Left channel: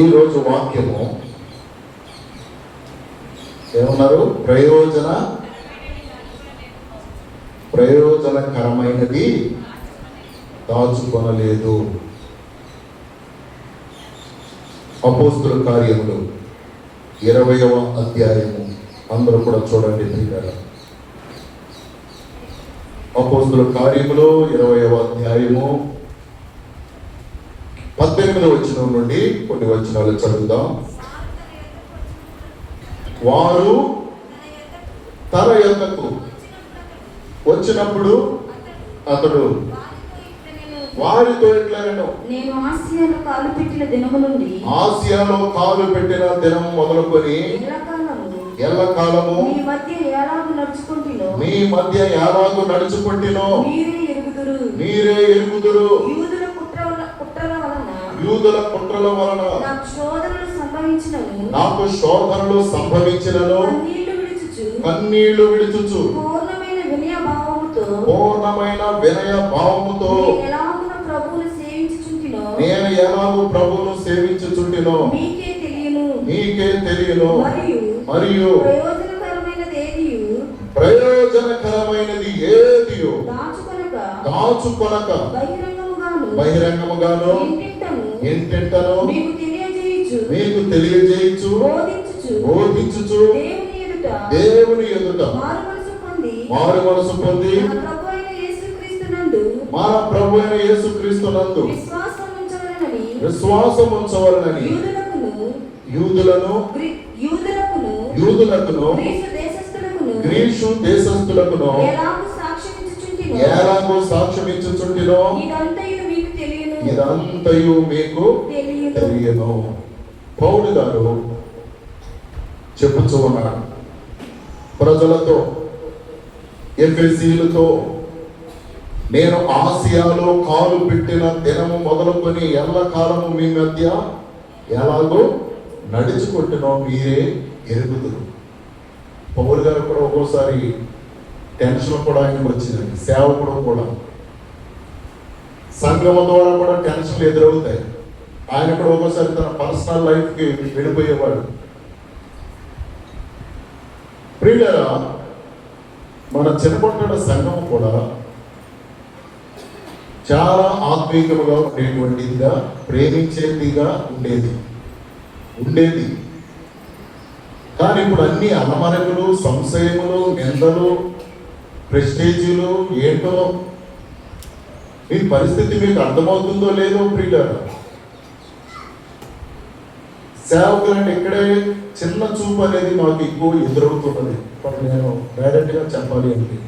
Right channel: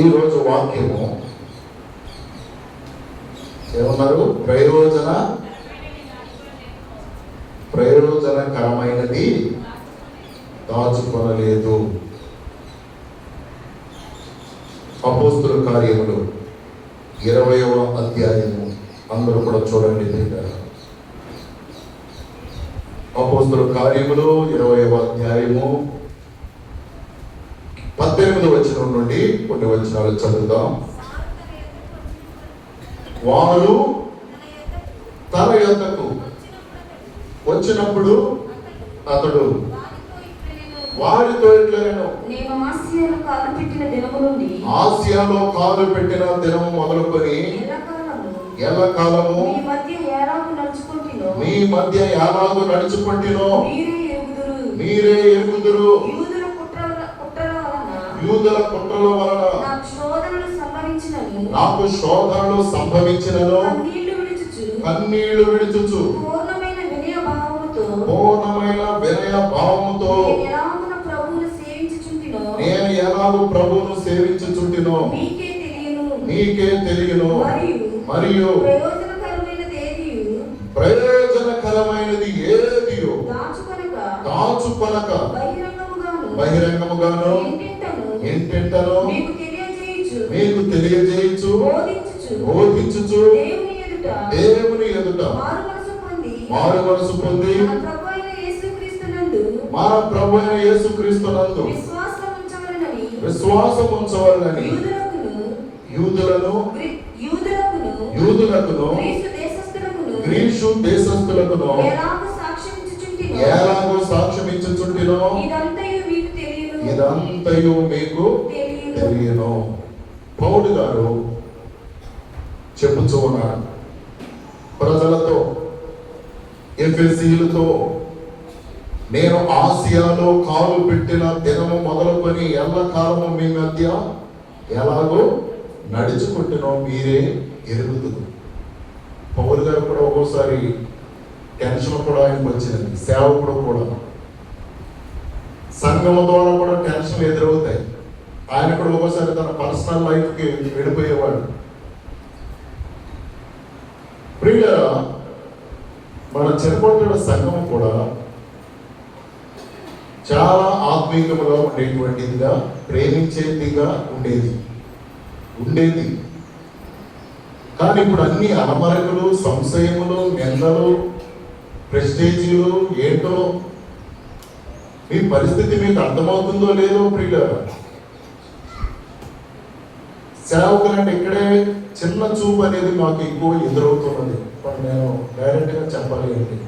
ఈరోజు వాక్యము ఏమన్నారు? ప్రయోజనకరమైనది దాచుకొనలేదు. అపోస్తుల కార్యములు 20వ అధ్యాయము అందరూ కూడా చూడండి. అపోస్తుల కార్యములు 20వ అధ్యాయము 18వ వచనం నుండి కొన్ని వచనాలు చదువుదాం. వారు తన యొద్దకు వచ్చినప్పుడు అతడు వారితో ఇట్లనెను, నేను ఆసియాలో కాలు పెట్టిన దినం మొదలుకొని ఎల్లకాలము మీ మధ్య యారాదు నడుచుకుంటునో మీరే ఎరుగుదురు. యూదుల కుట్రల వలన నాకు శోధనలు సంభవించినను కన్నీళ్లు విడుచుచు పూర్ణమైన వినయ భావముతో నేను ఎలాగూ ప్రభువును సేవించుచుంటినో మీకే తెలియను. మరియు ప్రయోజనకరమైనది ఏదియు దాచుకొనక బహిరంగముగాను ఇంటింటను మీకు తెలియజేయచ్చు బోధించుచు దేవుని ఎదుట మారు మనసు పొంది మా ప్రభు అయిన యేసుక్రీస్తునందు విశ్వాసం ఉంచవాలని యూదులకును గ్రీసు దేశస్థులకును ఎలాగో సాక్ష్యమిచ్చుచుంటినో ఇదంతయు మీకు తెలియను. పౌలు గారు చెప్పుచూ ఉన్నాడు ప్రజలతో, ఎఫెసీయులతో, నేను ఆసియాలో కాలు పెట్టిన దినము మొదలుకొని ఎల్లకాలము మీ మధ్య ఎలాగో నడుచుకుంటున్నా మీరే ఎరుగుదురు. పౌలు గారు కూడా ఒక్కోసారి టెన్షన్ కూడా ఆయనకు వచ్చింది. సేవకుడు కూడా సంఘం ద్వారా కూడా టెన్షన్లు ఎదురవుతాయి. ఆయన కూడా ఒక్కోసారి తన పర్సనల్ లైఫ్కి వెళ్ళిపోయేవాడు. ప్రియులారా, మన చిన్నపట్ల సంఘం కూడా చాలా ఆత్మీయంగా ఉండేటువంటిదిగా, ప్రేమించేదిగా ఉండేది. కానీ ఇప్పుడు అన్ని అలమరకులు, సంశయములు, నిందలు, ప్రెస్టేజీలు ఏంటో. మీ పరిస్థితి మీకు అర్థమవుతుందో లేదో ప్రియులారా. సేవకులంటే ఇక్కడే చిన్న చూపు అనేది నాకు ఎక్కువ ఎదురవుతున్నది. నేను డైరెక్ట్గా చెప్పాలి అంటే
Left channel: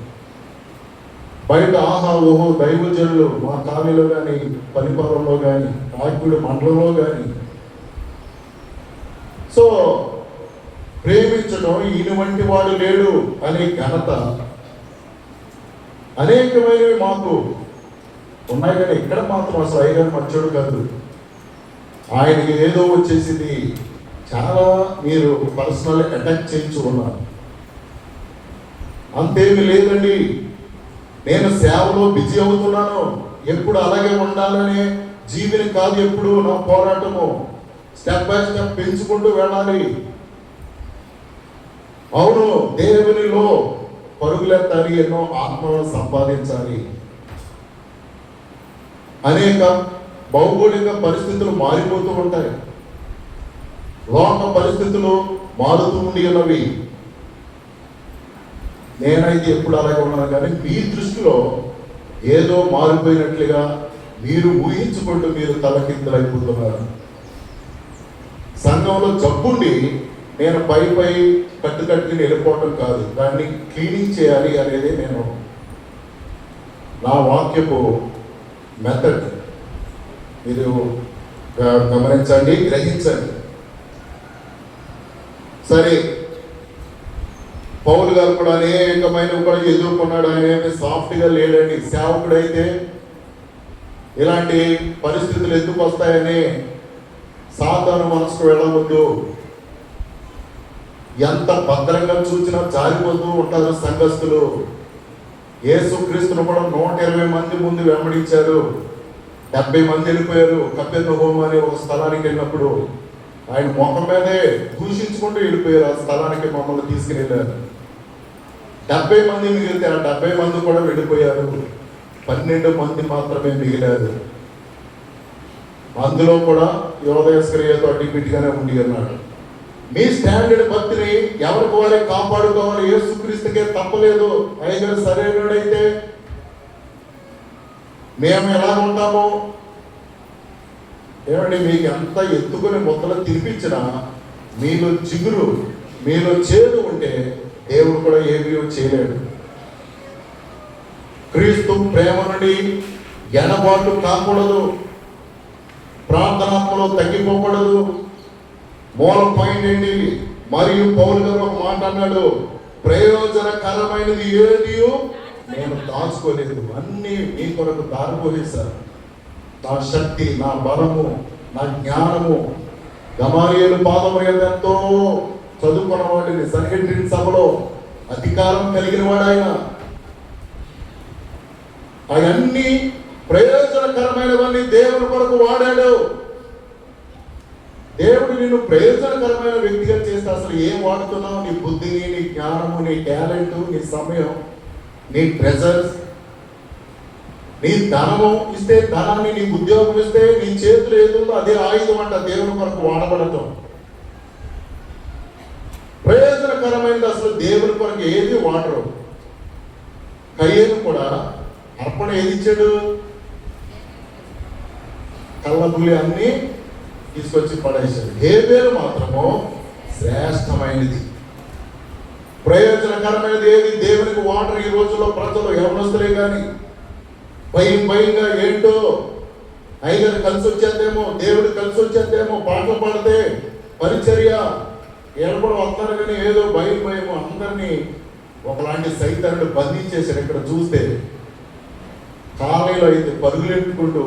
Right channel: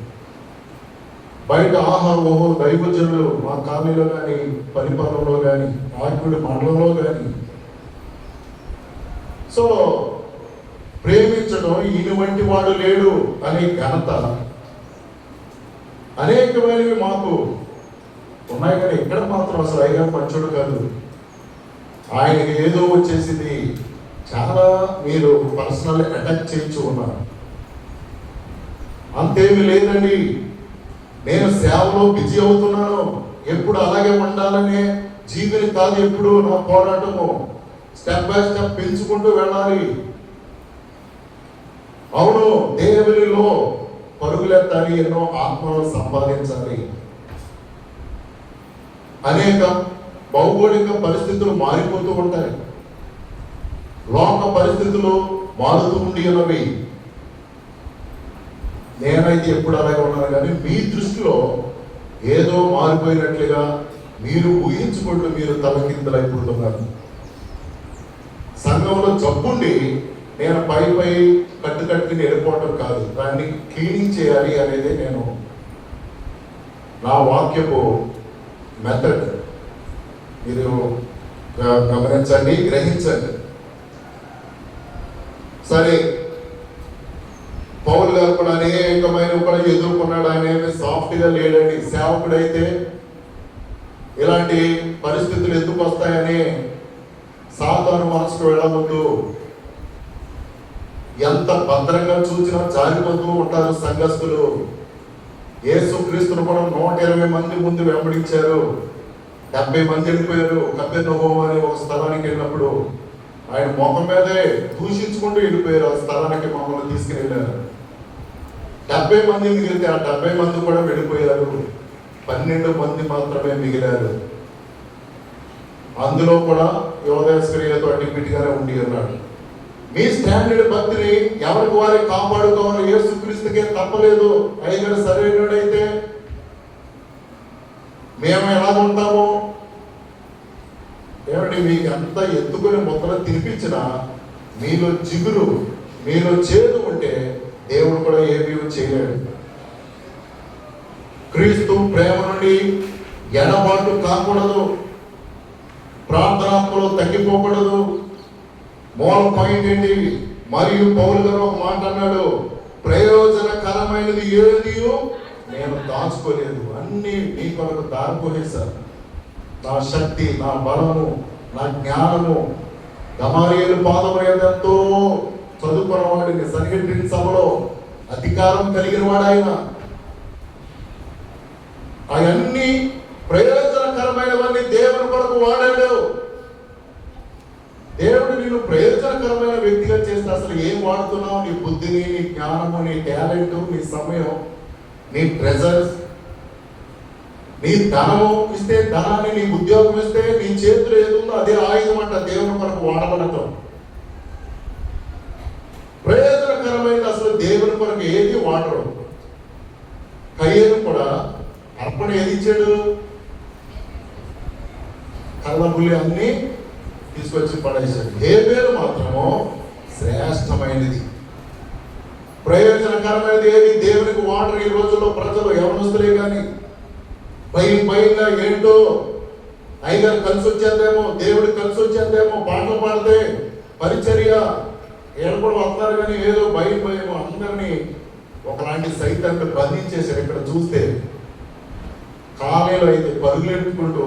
బయట ఆహా ఓహో దైవజనులు మా కాలనీలో కానీ, పరిపాలనలో కానీ, రాకుడి మండలంలో కానీ సో ప్రేమించడం ఈయన వంటి వాడు లేడు అనే ఘనత అనేకమైనవి మాకు ఉన్నాయి. కానీ ఇక్కడ మాత్రం అసలు అయ్యగారు మంచోడు కాదు, ఆయనకి ఏదో వచ్చేసింది, చాలా మీరు పర్సనల్ అటాక్ చేయించుకున్నారు. అంతేమీ లేదండి. నేను సేవలో బిజీ అవుతున్నాను, ఎప్పుడు అలాగే ఉండాలనే జీవిని కాదు ఎప్పుడు నా పోరాటము. స్టెప్ బై స్టెప్ పెంచుకుంటూ వెళ్ళాలి. అవును, దేవునిలో పరుగులెత్తాలి, ఎన్నో ఆత్మలను సంపాదించాలి. అనేక భౌగోళిక పరిస్థితులు మారిపోతూ ఉంటాయి, లోక పరిస్థితులు మారుతూ ఉన్నవి. నేనైతే ఎప్పుడు అలాగే ఉన్నాను. కానీ మీ దృష్టిలో ఏదో మారిపోయినట్లుగా మీరు ఊహించుకుంటూ మీరు తలకిందులైపోతున్నారు. సంఘంలో జబ్బుండి నేను పై కట్టుకట్టుకుని వెళ్ళిపోవడం కాదు, దాన్ని క్లీనింగ్ చేయాలి అనేది నేను నా వాక్యపు మెథడ్. మీరు గమనించండి, గ్రహించండి. సరే, పౌలు గారు కూడా అనేకమైన కూడా ఎదుర్కొన్నాడు. ఆయన సాఫ్ట్గా లేడండి. సేవకుడైతే ఇలాంటి పరిస్థితులు ఎందుకు వస్తాయని సాతాను మనసుకు వెళ్ళవద్దు. ఎంత భద్రంగా చూసినా జారిపోతూ ఉంటారు సంఘస్థులు. యేసుక్రీస్తును కూడా 120 మంది ముందు వెంబడించారు. 70 మంది వెళ్ళిపోయారు. కపెర్నహూము అనే ఒక స్థలానికి వెళ్ళినప్పుడు ఆయన ముఖం మీదే దూషించుకుంటూ వెళ్ళిపోయారు. ఆ స్థలానికి మమ్మల్ని తీసుకుని 70 మంది మిగిలితే ఆ 70 మంది కూడా వెళ్ళిపోయారు. 12 మంది మాత్రమే మిగిలారు. అందులో కూడా యోధేశ్వరియతో అడ్డిపిట్టిగానే ఉండి అన్నాడు. మీ స్టాండర్డ్ భక్తిని ఎవరికి వారికి కాపాడుకోవాలి. యేసుక్రీస్తుకే తప్పలేదు. ఆయన సరైనడైతే మేము ఎలా ఉంటామో ఏమండి, మీకు ఎంత ఎత్తుకుని మొక్కలు తినిపించినా మీలో చిగురు, మీలో చేదు ఉంటే దేవుడు కూడా ఏమీ చేయలేడు. క్రీస్తు ప్రేమ నుండి ఎడబాటు కాకూడదు, ప్రార్థనాత్మలో తగ్గిపోకూడదు. మూల పాయింట్ ఏంటి? మరియు పౌలు గారు ఒక మాట అన్నాడు, ప్రయోజనకరమైనది ఏది నేను దాచుకోలేదు, అన్ని మీ కొరకు దారిపోయేశారు. నా శక్తి, నా బలము, నా జ్ఞానము. గమాలియేలు పాదము ఎంతో చదువుకున్న వాడిని, సన్హెద్రిన్ సభలో అధికారం కలిగిన వాడు ఆయన. అవన్నీ ప్రయోజనకరమైనవన్నీ దేవుని కొరకు వాడాడు. దేవుడు నిన్ను ప్రయోజనకరమైన వ్యక్తిగా చేస్తే అసలు ఏం వాడుతున్నావు? నీ బుద్ధిని, నీ జ్ఞానము, నీ టాలెంట్, నీ సమయం, నీ ట్రెజర్స్, నీ ధనము ఇస్తే ధనాన్ని, నీ ఉద్యోగం ఇస్తే నీ చేతులు ఏదుందో అదే ఆయుధం అంట దేవుని కొరకు వాడబడటం. ప్రయోజనకరమైనది అసలు దేవుని కొరకు ఏది వాడరు. కయ్యేను కూడా అర్పణ ఏది ఇచ్చాడు? కళ్ళబుల్లి అన్ని తీసుకొచ్చి పడేశాడు. హేబేలు మాత్రము శ్రేష్టమైనది, ప్రయోజనకరమైనది ఏది దేవునికి వాటర్. ఈ రోజుల్లో ప్రజలు యవనస్తులే కానీ భయంగా ఏంటో అయ్యగారు కలిసి వచ్చేద్దేమో, దేవుడు కలిసి వచ్చేద్దేమో, పాటలు పాడితే పరిచర్య ఎప్పుడు వస్తారు కానీ ఏదో భయం అందరినీ ఒకలాంటి సైతాన్ని బంధించేశారు. ఇక్కడ చూస్తే కాలేలో అయితే పరుగులెట్టుకుంటూ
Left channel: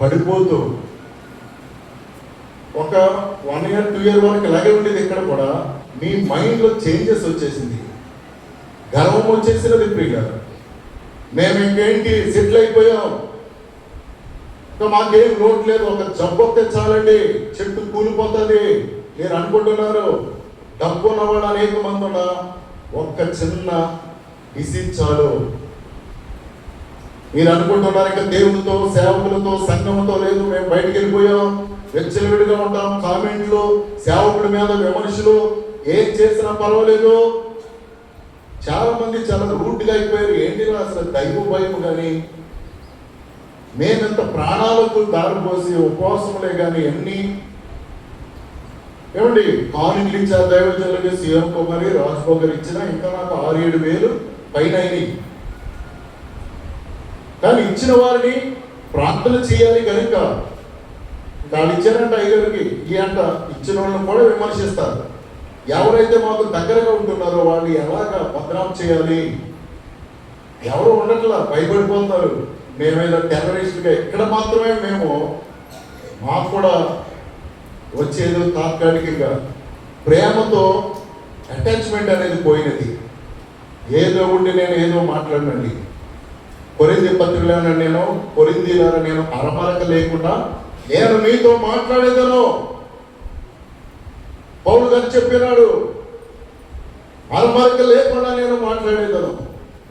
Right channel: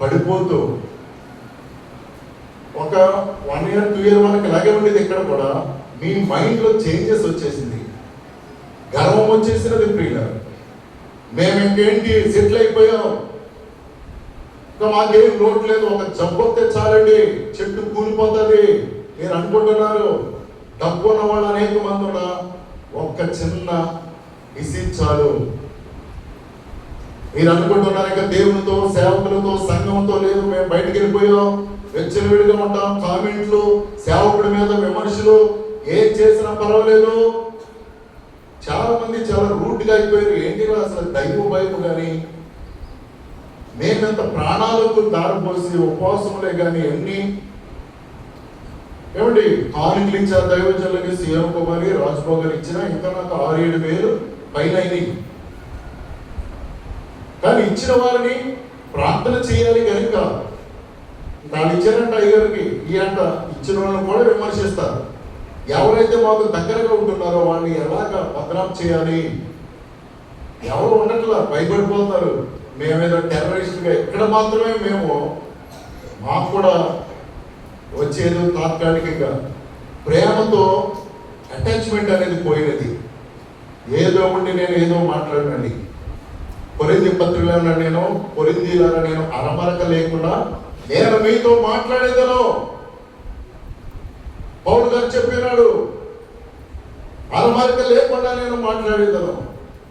పడిపోతూ ఒక 1 year 2 year వరకు ఇలాగే ఉండేది. ఇక్కడ కూడా మీ మైండ్లో చేంజెస్ వచ్చేసింది, గర్వం వచ్చేసినది. ప్రియులారా, మేము ఇంకేంటి సెటిల్ అయిపోయాం, ఇంకా మాకేం లోటు లేదు, ఒక జబ్బు వస్తే చాలండి చెట్టు కూలిపోతుంది మీరు అనుకుంటున్నారు. డబ్బు ఉన్న వాళ్ళు అనేక మంది కూడా ఒక్క చిన్న డిసీజ్ చాలు మీరు అనుకుంటున్నారు. ఇంకా దేవునితో, సేవకులతో, సంఘంతో లేదు, మేము బయటకు వెళ్ళిపోయాం, వెచ్చలవిడిగా ఉంటాం, కామెంట్లు, సేవకుడి మీద విమర్శలు, ఏం చేసినా పర్వాలేదు. చాలా మంది చాలా రూట్గా అయిపోయారు. ఏంటి అసలు దైవ భయం కానీ, మేమెంత ప్రాణాలకు దారిపోసి ఉపవాసములే కానీ ఎన్ని ఏమండి కానుకలు ఇచ్చారు దైవజనులకి. సీఎం కుమారి రాజ్భోగ్ గారు ఇచ్చినా ఇంకా నాకు 6-7 వేలు పైన అయినాయి. కానీ ఇచ్చిన వారిని ప్రార్థన చేయాలి కనుక వాళ్ళు ఇచ్చారంట అయ్యగారికి, ఈ అంట ఇచ్చిన వాళ్ళని కూడా విమర్శిస్తారు. ఎవరైతే మాకు దగ్గరగా ఉంటున్నారో వాళ్ళని ఎలాగా బదనాం చేయాలి, ఎవరు ఉండట్లా, భయపడిపోతున్నారు. మేమేదో టెర్రరిస్ట్గా. ఇక్కడ మాత్రమే మేము, మాకు కూడా వచ్చేదో తాత్కాలికంగా ప్రేమతో అటాచ్మెంట్ అనేది పోయినది. ఏదో ఉండి నేను ఏదో మాట్లాడినండి. కొరింథీ పత్రికలో నేను కొరింథీయులారా నేను అరమరక లేకుండా నేను మీతో మాట్లాడేదను. పౌలు గారు చెప్పినాడు, అరమరక లేకుండా నేను మాట్లాడేదను.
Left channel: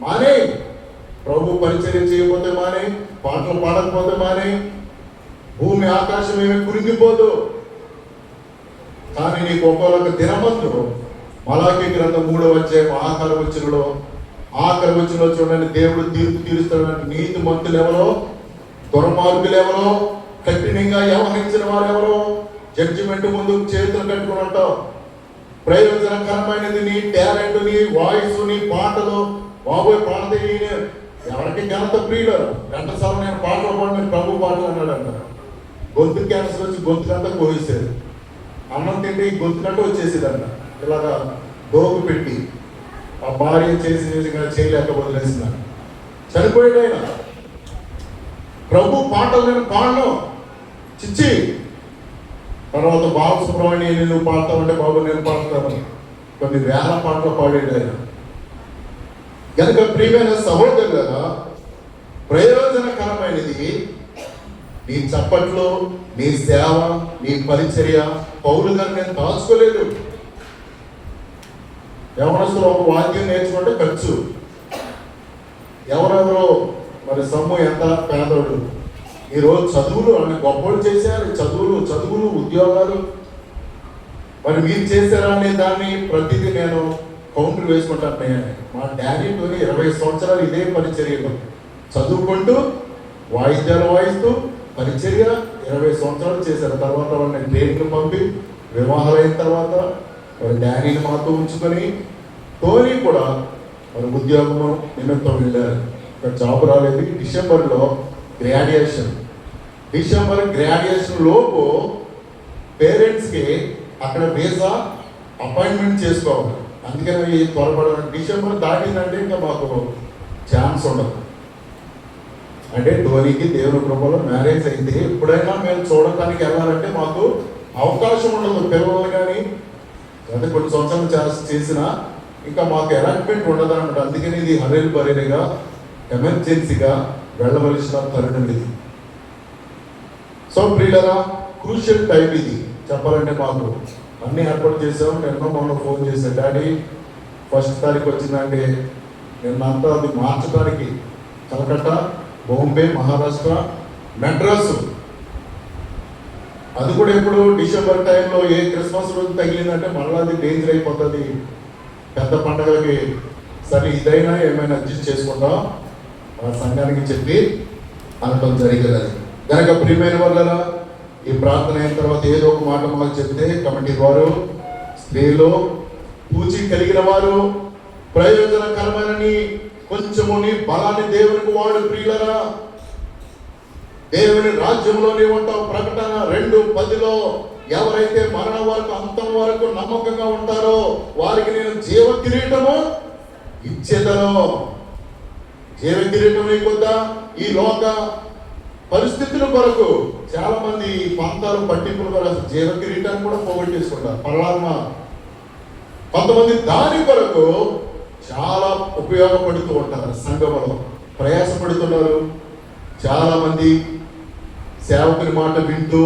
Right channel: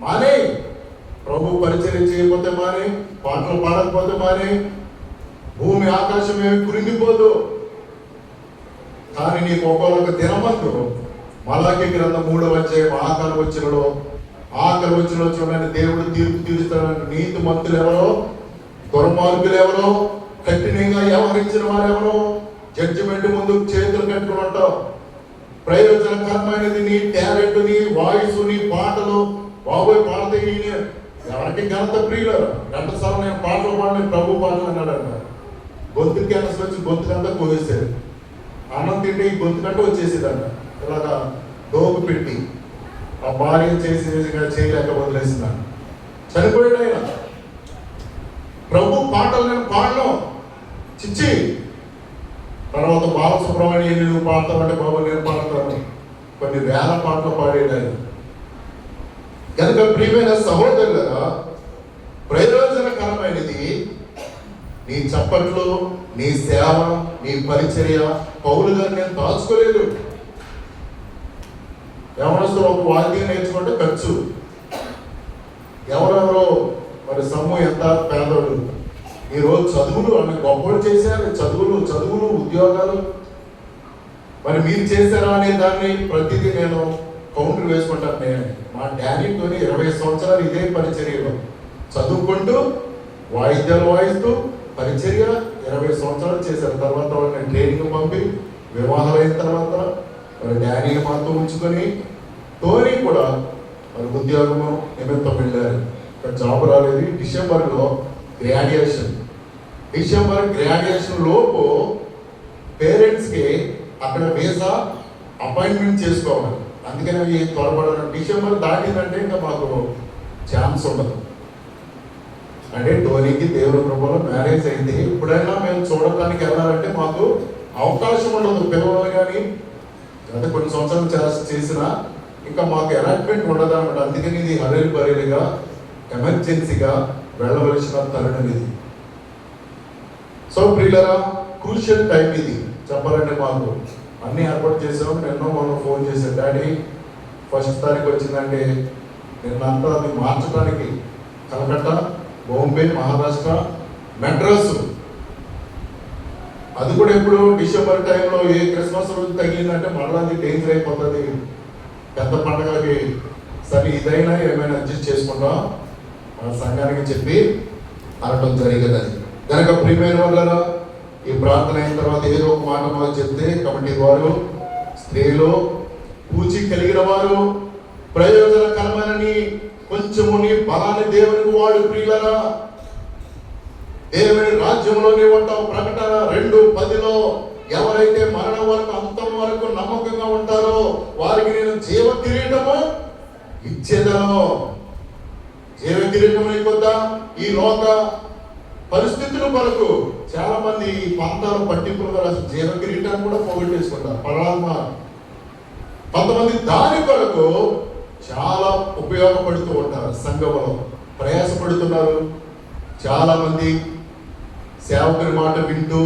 మానే ప్రభు పరిచయం చేయకపోతే మానే, పాటలు పాడకపోతే మానే, భూమి ఆకాశం ఏమి కురింగిపోదు. కానీ నీకు ఒక్కొక్క దినమందు మలాకి గ్రంథం 3వ అధ్యాయం ఆఖరి వచనంలో చూడండి, దేవుడు తీర్పు తీరుస్తున్నాడు. నీతి మంతులు ఎవరో, దుర్మార్గులు ఎవరో, కఠినంగా వ్యవహరించిన వారు ఎవరో, జడ్జిమెంట్ ముందు చేతులు పెట్టుకుని ఉంటావు. ప్రయోజనకరమైనది నీ టాలెంట్, నీ వాయిస్, నీ పాటలు. బాబోయ్ పాడితే ఎవరికి ఘనత ప్రియులు. ఘంటసాల నేను పాటలు పాడిన ప్రభు పాటలు అన్నాడు. గొంతు క్యాన్సర్ వచ్చి గొంతుకంతా కోసేశారు. అన్నం తింటే గొంతుకంటే వచ్చేసేదంట. ఇలాగా దోగు పెట్టి ఆ భార్య చేసి చేయలేక వదిలేస్తున్నాను. చనిపోయాడు ఆయన. ప్రభు పాటలు నేను పాడను చిచ్చి. తర్వాత బాలసుబ్రహ్మణ్యం నువ్వు పాడతావంటే బాబు నేను పాడతాను. కొన్ని వేల పాటలు పాడేది ఆయన. కనుక ప్రియమైన సహోదరులుగా ప్రయోజనకరమైనది నీ చప్పట్లు, నీ సేవ, నీ పరిచర్య పౌలు గారు నేను దాచుకోలేదు. ఎవరసలు ఒక వాద్యం నేర్చుకుంటే ఖర్చు, ఎవరెవరో మరి సొమ్ము ఎంత పేదోడు. ఈరోజు చదువులు అన్ని గొప్పలు చేశారు, చదువులు ఉద్యోగాలు. మరి మీరు చేశారా అనే దాన్ని ప్రతిదీ నేను కౌంటర్ వేసుకుంటాను. మా డాడీతో 20 సంవత్సరాలు ఇదే పరిచర్యలో చదువుకుంటూ వాయిద్యాలు వాయిస్తూ పరిచర్య 20 సంవత్సరాలు చేశారు. తర్వాత వాళ్ళని ట్రైనింగ్ పంపి వివాహాలైన తర్వాత మరి డాడీని మాతో ఉంచుకొని టోనీ కూడా మరి ఉద్యోగం నిమిత్తం వెళ్ళారు. ఇక్కడ జాబ్ రాలేదు. డిసెంబర్ గ్రాడ్యుయేషన్ లోపు పేరెంట్స్కి అక్కడ వీసా అపాయింట్మెంట్ చేసుకోవాలి. అందుకని త్వరపడాలి. డిసెంబర్ దాటిందంటే ఇంకా మాకు ఛాన్స్ ఉండదు. అంటే ధోనికి దేవుని కృపలో మ్యారేజ్ అయింది. ఎప్పుడైనా మేము చూడటానికి వెళ్ళాలంటే మాకు అవకాశం ఉండదు. పిల్లలు కానీ అంటే కొన్ని సంవత్సరాలు చేసినా ఇంకా మాకు అలాట్మెంట్ ఉండదు అన్నమాట. అందుకని ఇది హరేలుగా ఎమర్జెన్సీగా వెళ్ళవలసిన తరుణం ఇది. సో ప్రియులరా, క్రూషియల్ టైం ఇది. చెప్పాలంటే మాకు అన్ని ఏర్పాటు చేసాం. నిన్న మనం ఫోన్ చేసాం, డాడీ 1వ తారీఖు వచ్చిందంటే నిన్నంతా అది మార్చడానికి కలకత్తా, బాంబే, మహారాష్ట్ర, మెడ్రాసు, అది కూడా ఎప్పుడు డిసెంబర్ టైంలో ఏ క్రిస్మస్ రోజు తగిలిందంటే మళ్ళీ అది డేంజర్ అయిపోతుంది. పెద్ద పండుగలకి సరే ఇదైనా ఏమైనా అడ్జస్ట్ చేసుకుంటాం ఆ సంఘానికి చెప్పి అనడం జరిగేది. కనుక ప్రియమైన వాళ్ళ ఈ ప్రార్థన అయిన తర్వాత ఏదో ఒక మాట మాకు చెప్తే కమిటీ వారు, స్త్రీలు, పూచి కలిగిన వారు ప్రయోజనకరమైనని కొంచెముని బలాన్ని దేవునికి వాడు. ప్రియులరా, దేవుని రాజ్యంలోనే ఉంటావు. ప్రకటన 2:10లో ఎవరైతే మరణం వరకు అంతం వరకు నమ్మకంగా ఉంటారో వారికి నేను జీవ కిరీటము ఇచ్చేదను. జీవ కిరీటం లేకొద్దా? ఈ లోక పరిస్థితుల కొరకు చాలా మంది ఈ ప్రాంతాలు పట్టింపుల కొరకు జీవ కిరీటాన్ని కూడా పోగొట్టేసుకున్నారు. పరమాత్మ కొంతమంది దాని కొరకు చాలా ఉపయోగపడుతూ ఉంటారు. సంఘంలో ప్రయాసపడుతున్నారు. చాలా మంది సేవకుని మాట వింటూ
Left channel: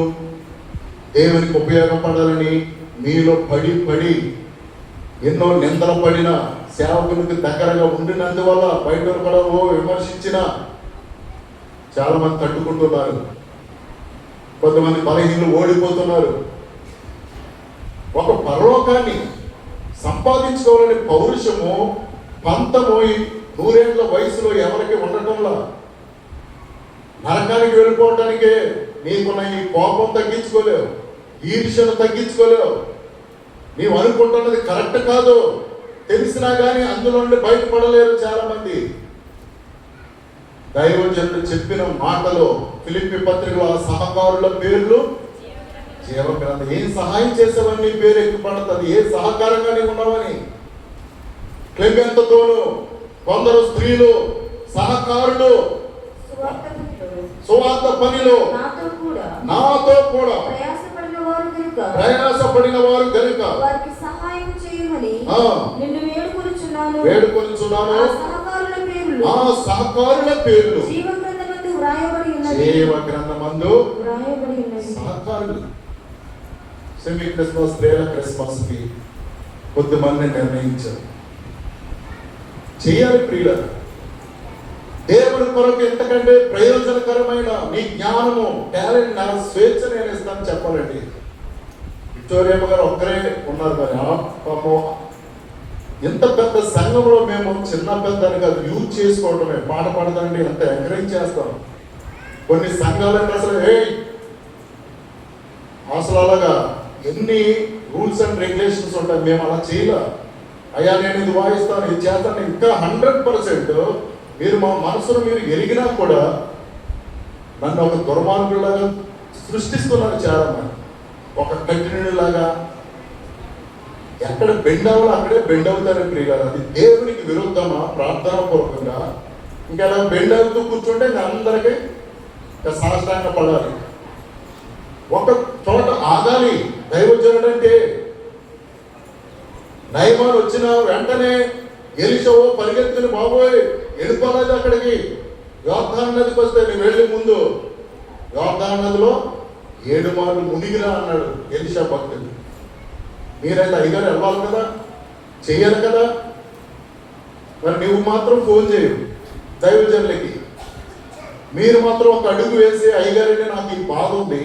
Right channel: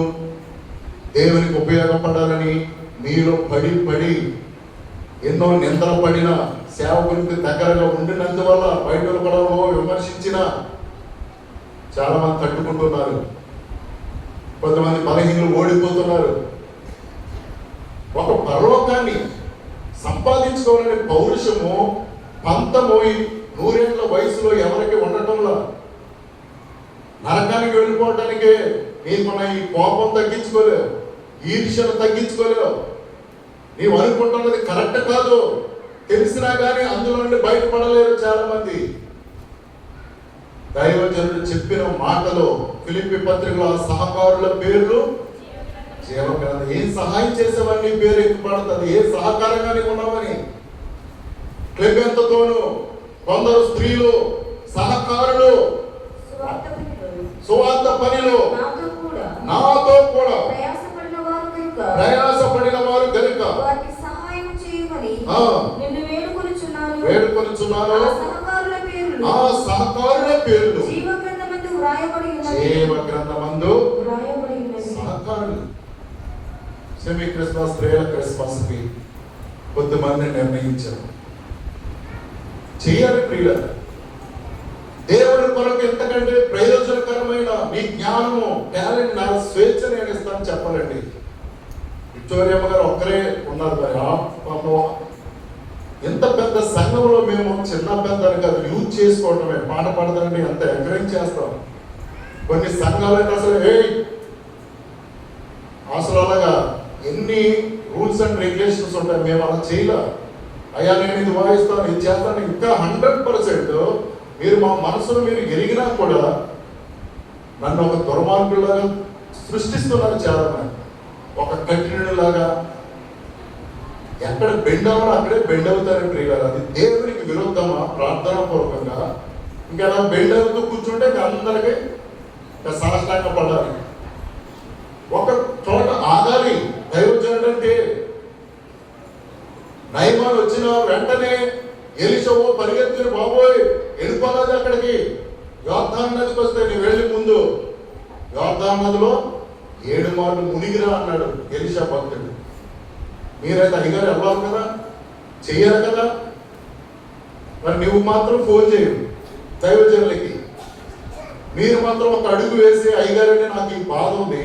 దేవునికి ఉపయోగపడాలని మీలో పడి ఎన్నో నిందలు పడిన సేవకునికి దగ్గరగా ఉండినందువల్ల బయట పడవో విమర్శించిన చాలా మంది తట్టుకుంటున్నారు. కొంతమంది బలహీనులు ఓడిపోతున్నారు. ఒక పరలోకాన్ని సంపాదించుకోవాలని పౌరుషము, పంతము 100 ఏళ్ల వయసులో ఎవరికి ఉండటంలో నరకానికి వెళ్ళిపోవటానికే నీకున్న ఈ కోపం తగ్గించుకోలేవు, ఈర్ష్యను తగ్గించుకోలేవు. నీవు అనుకుంటున్నది కరెక్ట్ కాదు తెలిసినా కానీ అందులో నుండి బయటపడలేరు చాలా మంది. దైవజనుడు చెప్పిన మాటలో ఫిలిప్పీ పత్రికలో సహకారుల పేర్లు జీవగ్రంథం. ఏం సహాయం చేసామని నీ పేరు ఎక్కుపడుతుంది, ఏ సహకారంగా నీకు ఉన్నామని. క్లెమెంతతోను కొందరు స్త్రీలు సహకారులు సువార్త పనిలో నాతో కూడా ప్రయాసపడిన వారు కనుక వారికి సహాయం చేయమని నిన్ను వేడుకొనుచున్నాను. ఆ సహకారుల పేర్లు జీవగ్రంథమందు వ్రాయబడి ఉన్నవి. జీవగ్రంథమందు సహకారులు. సెమీ క్రిస్మస్, స్త్రీల క్రిస్మస్ కి కొద్దిమంది నిర్ణయించారు చేయాలి. ప్రియుల దేవుని కొరకు ఎంతకంటే ప్రయోజనకరమైన నీ జ్ఞానము, టాలెంట్, నా స్వేచ్ఛ నేను ఇస్తాను చెప్పాలండి. విక్టోరియమ్మ గారు ఒక్కరే ఉన్నారు. మరి ఆ పాపం ఎంత పెద్ద సంఘంలో మేము చిన్న పెద్ద కాదు యూజ్ చేసుకోవటమే. పాట పాడతానండి అంత ఎంకరేజ్ చేస్తాం. కొన్ని సంఘాలకు అసలు అలాగా ఎన్ని రూల్స్ అండ్ రెగ్యులేషన్స్ ఉంటాయి. మేము అలా చేయలే. అయ్యా నేను ఇది వాయిస్తాను, ఇది చేస్తాను, ఇంకా 100% మీరు మా మనసులో మీరు ఎరిగినా కూడా నన్ను ఒక దుర్మార్గులాగా సృష్టిస్తున్నారు చాలా మంది. ఒక కంటిన్యూలాగా ఎక్కడ బెండ్ అవ్వాలి అక్కడే బెండ్ అవుతారు. ప్రియులారా, అది దేవునికి విరుద్ధమా? ప్రార్థన పూర్వకంగా ఇంకా అలా బెండ్ అవుతూ కూర్చుంటే అందరికీ సాష్టాంగ పడాలి. ఒక చోట ఆగాలి. దైవజనుడు అంటే నైమాన్ వచ్చిన వెంటనే ఎలీషా పరిగెత్తుని బాబోయ్ వెళ్ళిపోలేదు అక్కడికి. యోర్దాను నదికి వస్తే నేను వెళ్ళి ముందు యోర్దాను నదిలో 7 మార్లు మునిగిరా అన్నాడు ఎలీషా భక్తుడు. మీరైతే అయ్యగారు వెళ్ళాలి కదా, చెయ్యాలి కదా. మరి నువ్వు మాత్రం ఫోన్ చేయు దైవజనులకి. మీరు మాత్రం ఒక అడుగు వేసి అయ్యగారంటే నాకు ఈ బాధ ఉంది,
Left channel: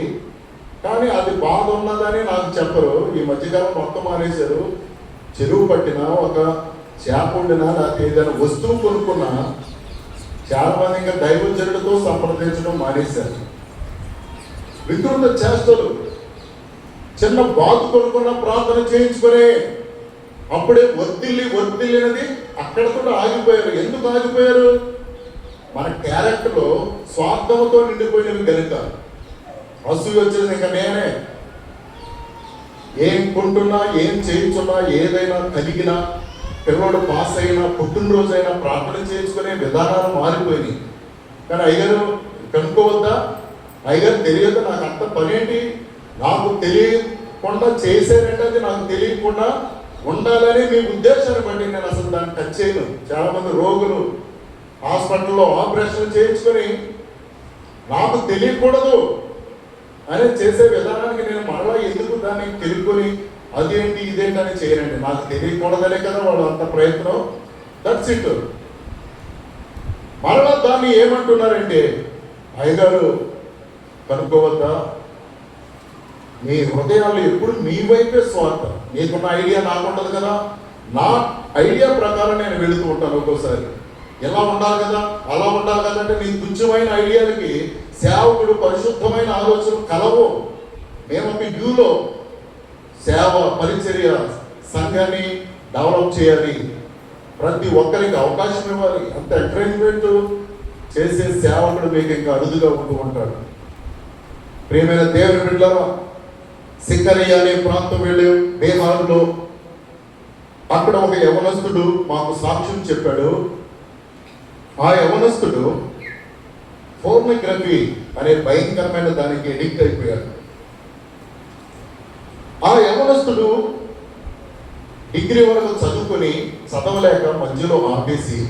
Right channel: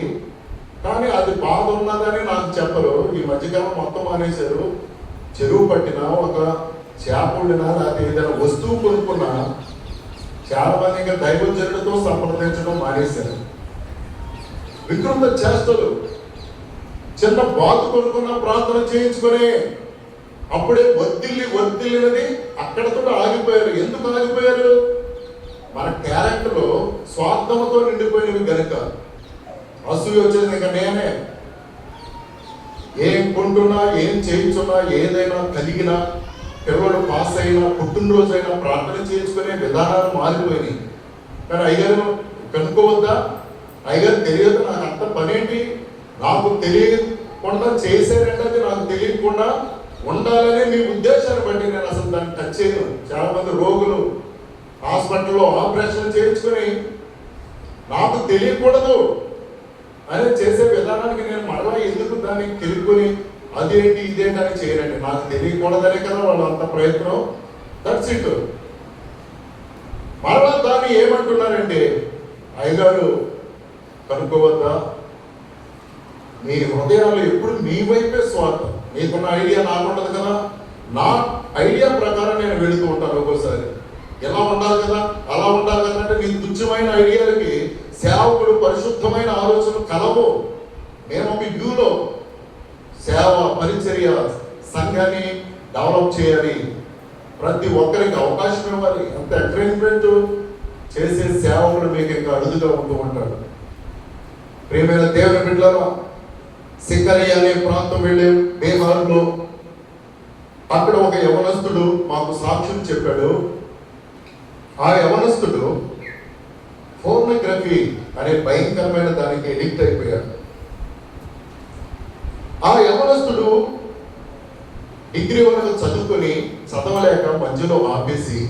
కానీ అది బాధ ఉన్నదని నాకు చెప్పరు. ఈ మధ్యకాలం మొత్తం మానేశారు. చెరువు పట్టినా, ఒక చేప వండినా, లేకపోతే ఏదైనా వస్తువు కొనుక్కున్నా చాలా మంది ఇంకా దైవజనులతో సంప్రదించడం మానేశారు. వికృత చేష్టలు, చిన్న బాతు కొనుక్కున్నా ప్రార్థన చేయించుకునే అప్పుడే ఒత్తిళ్ళినది అక్కడితో ఆగిపోయారు. ఎందుకు ఆగిపోయారు? మన క్యారెక్టర్లో స్వార్థంతో నిండిపోయినవి కనుక. అసూయ వచ్చేది ఇంకా నేనే ఏం కొంటున్నా, ఏం చేయించున్నా, ఏదైనా కలిగినా, పిల్లలు పాస్ అయినా, పుట్టినరోజైనా ప్రార్థన చేసుకునే విధానాలు మారిపోయినాయి. కానీ అయ్యగారు కనుక్కోవద్దా? అయ్యగారు తెలియదు, నాకు అంత పనేంటి, నాకు తెలియకుండా చేసేటంటే నాకు తెలియకుండా ఉండాలనే మీ ఉద్దేశాన్ని బట్టి నేను అసలు దాన్ని టచ్ చేయను. చాలా మంది రోగులు హాస్పిటల్లో ఆపరేషన్ చేయించుకొని నాకు తెలియకూడదు అని చేసే విధానానికి నేను మరలా ఎందుకు దాన్ని తెలుసుకొని అదేంటి ఇదేంటి అని చేయరండి. నాకు తెలియకూడదనే కదా వాళ్ళు అంత ప్రయత్నం. That's it. మరలా దాన్ని ఏమంటున్నారంటే, అయ్యగారు కనుక్కోవద్దా? మీ హృదయాలు ఎప్పుడు మీ వైపే స్వార్థం. నీకున్న ఐడియా నాకు ఉండదు కదా, నా ఐడియా ప్రకారం నేను వెళుతూ ఉంటాను. ఒక్కోసారి ఎలా ఉండాలి కదా, అలా ఉండాలి కదా అంటే నీ తుచ్చమైన ఐడియాలకి సేవకుడు పరిశుద్ధమైన ఆలోచనలు కలవు. మేము ఒక వ్యూలో సేవ, పరిచర్య, సంఘాన్ని డెవలప్ చేయాలి, ప్రతి ఒక్కరికి అవకాశం ఇవ్వాలి. అంత ఎంకరేజ్మెంట్ చేసే సేవకుడు మీకు ఇంకా అరుదుగా ఉంటూ ఉంటాడు. ప్రియమైన దేవుని బిడ్డలారా, సికరయ్య అనే ప్రాంతం వెళ్ళాం బీహార్లో. అక్కడ ఒక యవనస్తుడు మాకు సాక్ష్యం చెప్పాడు. ఆ యవనస్తుడు ఫోర్నోగ్రఫీ అనే భయంకరమైన దానికి ఎడిక్ట్ అయిపోయాడు. ఆ యవనస్తుడు డిగ్రీ వరకు చదువుకొని చదవలేక మధ్యలో ఆపేసి,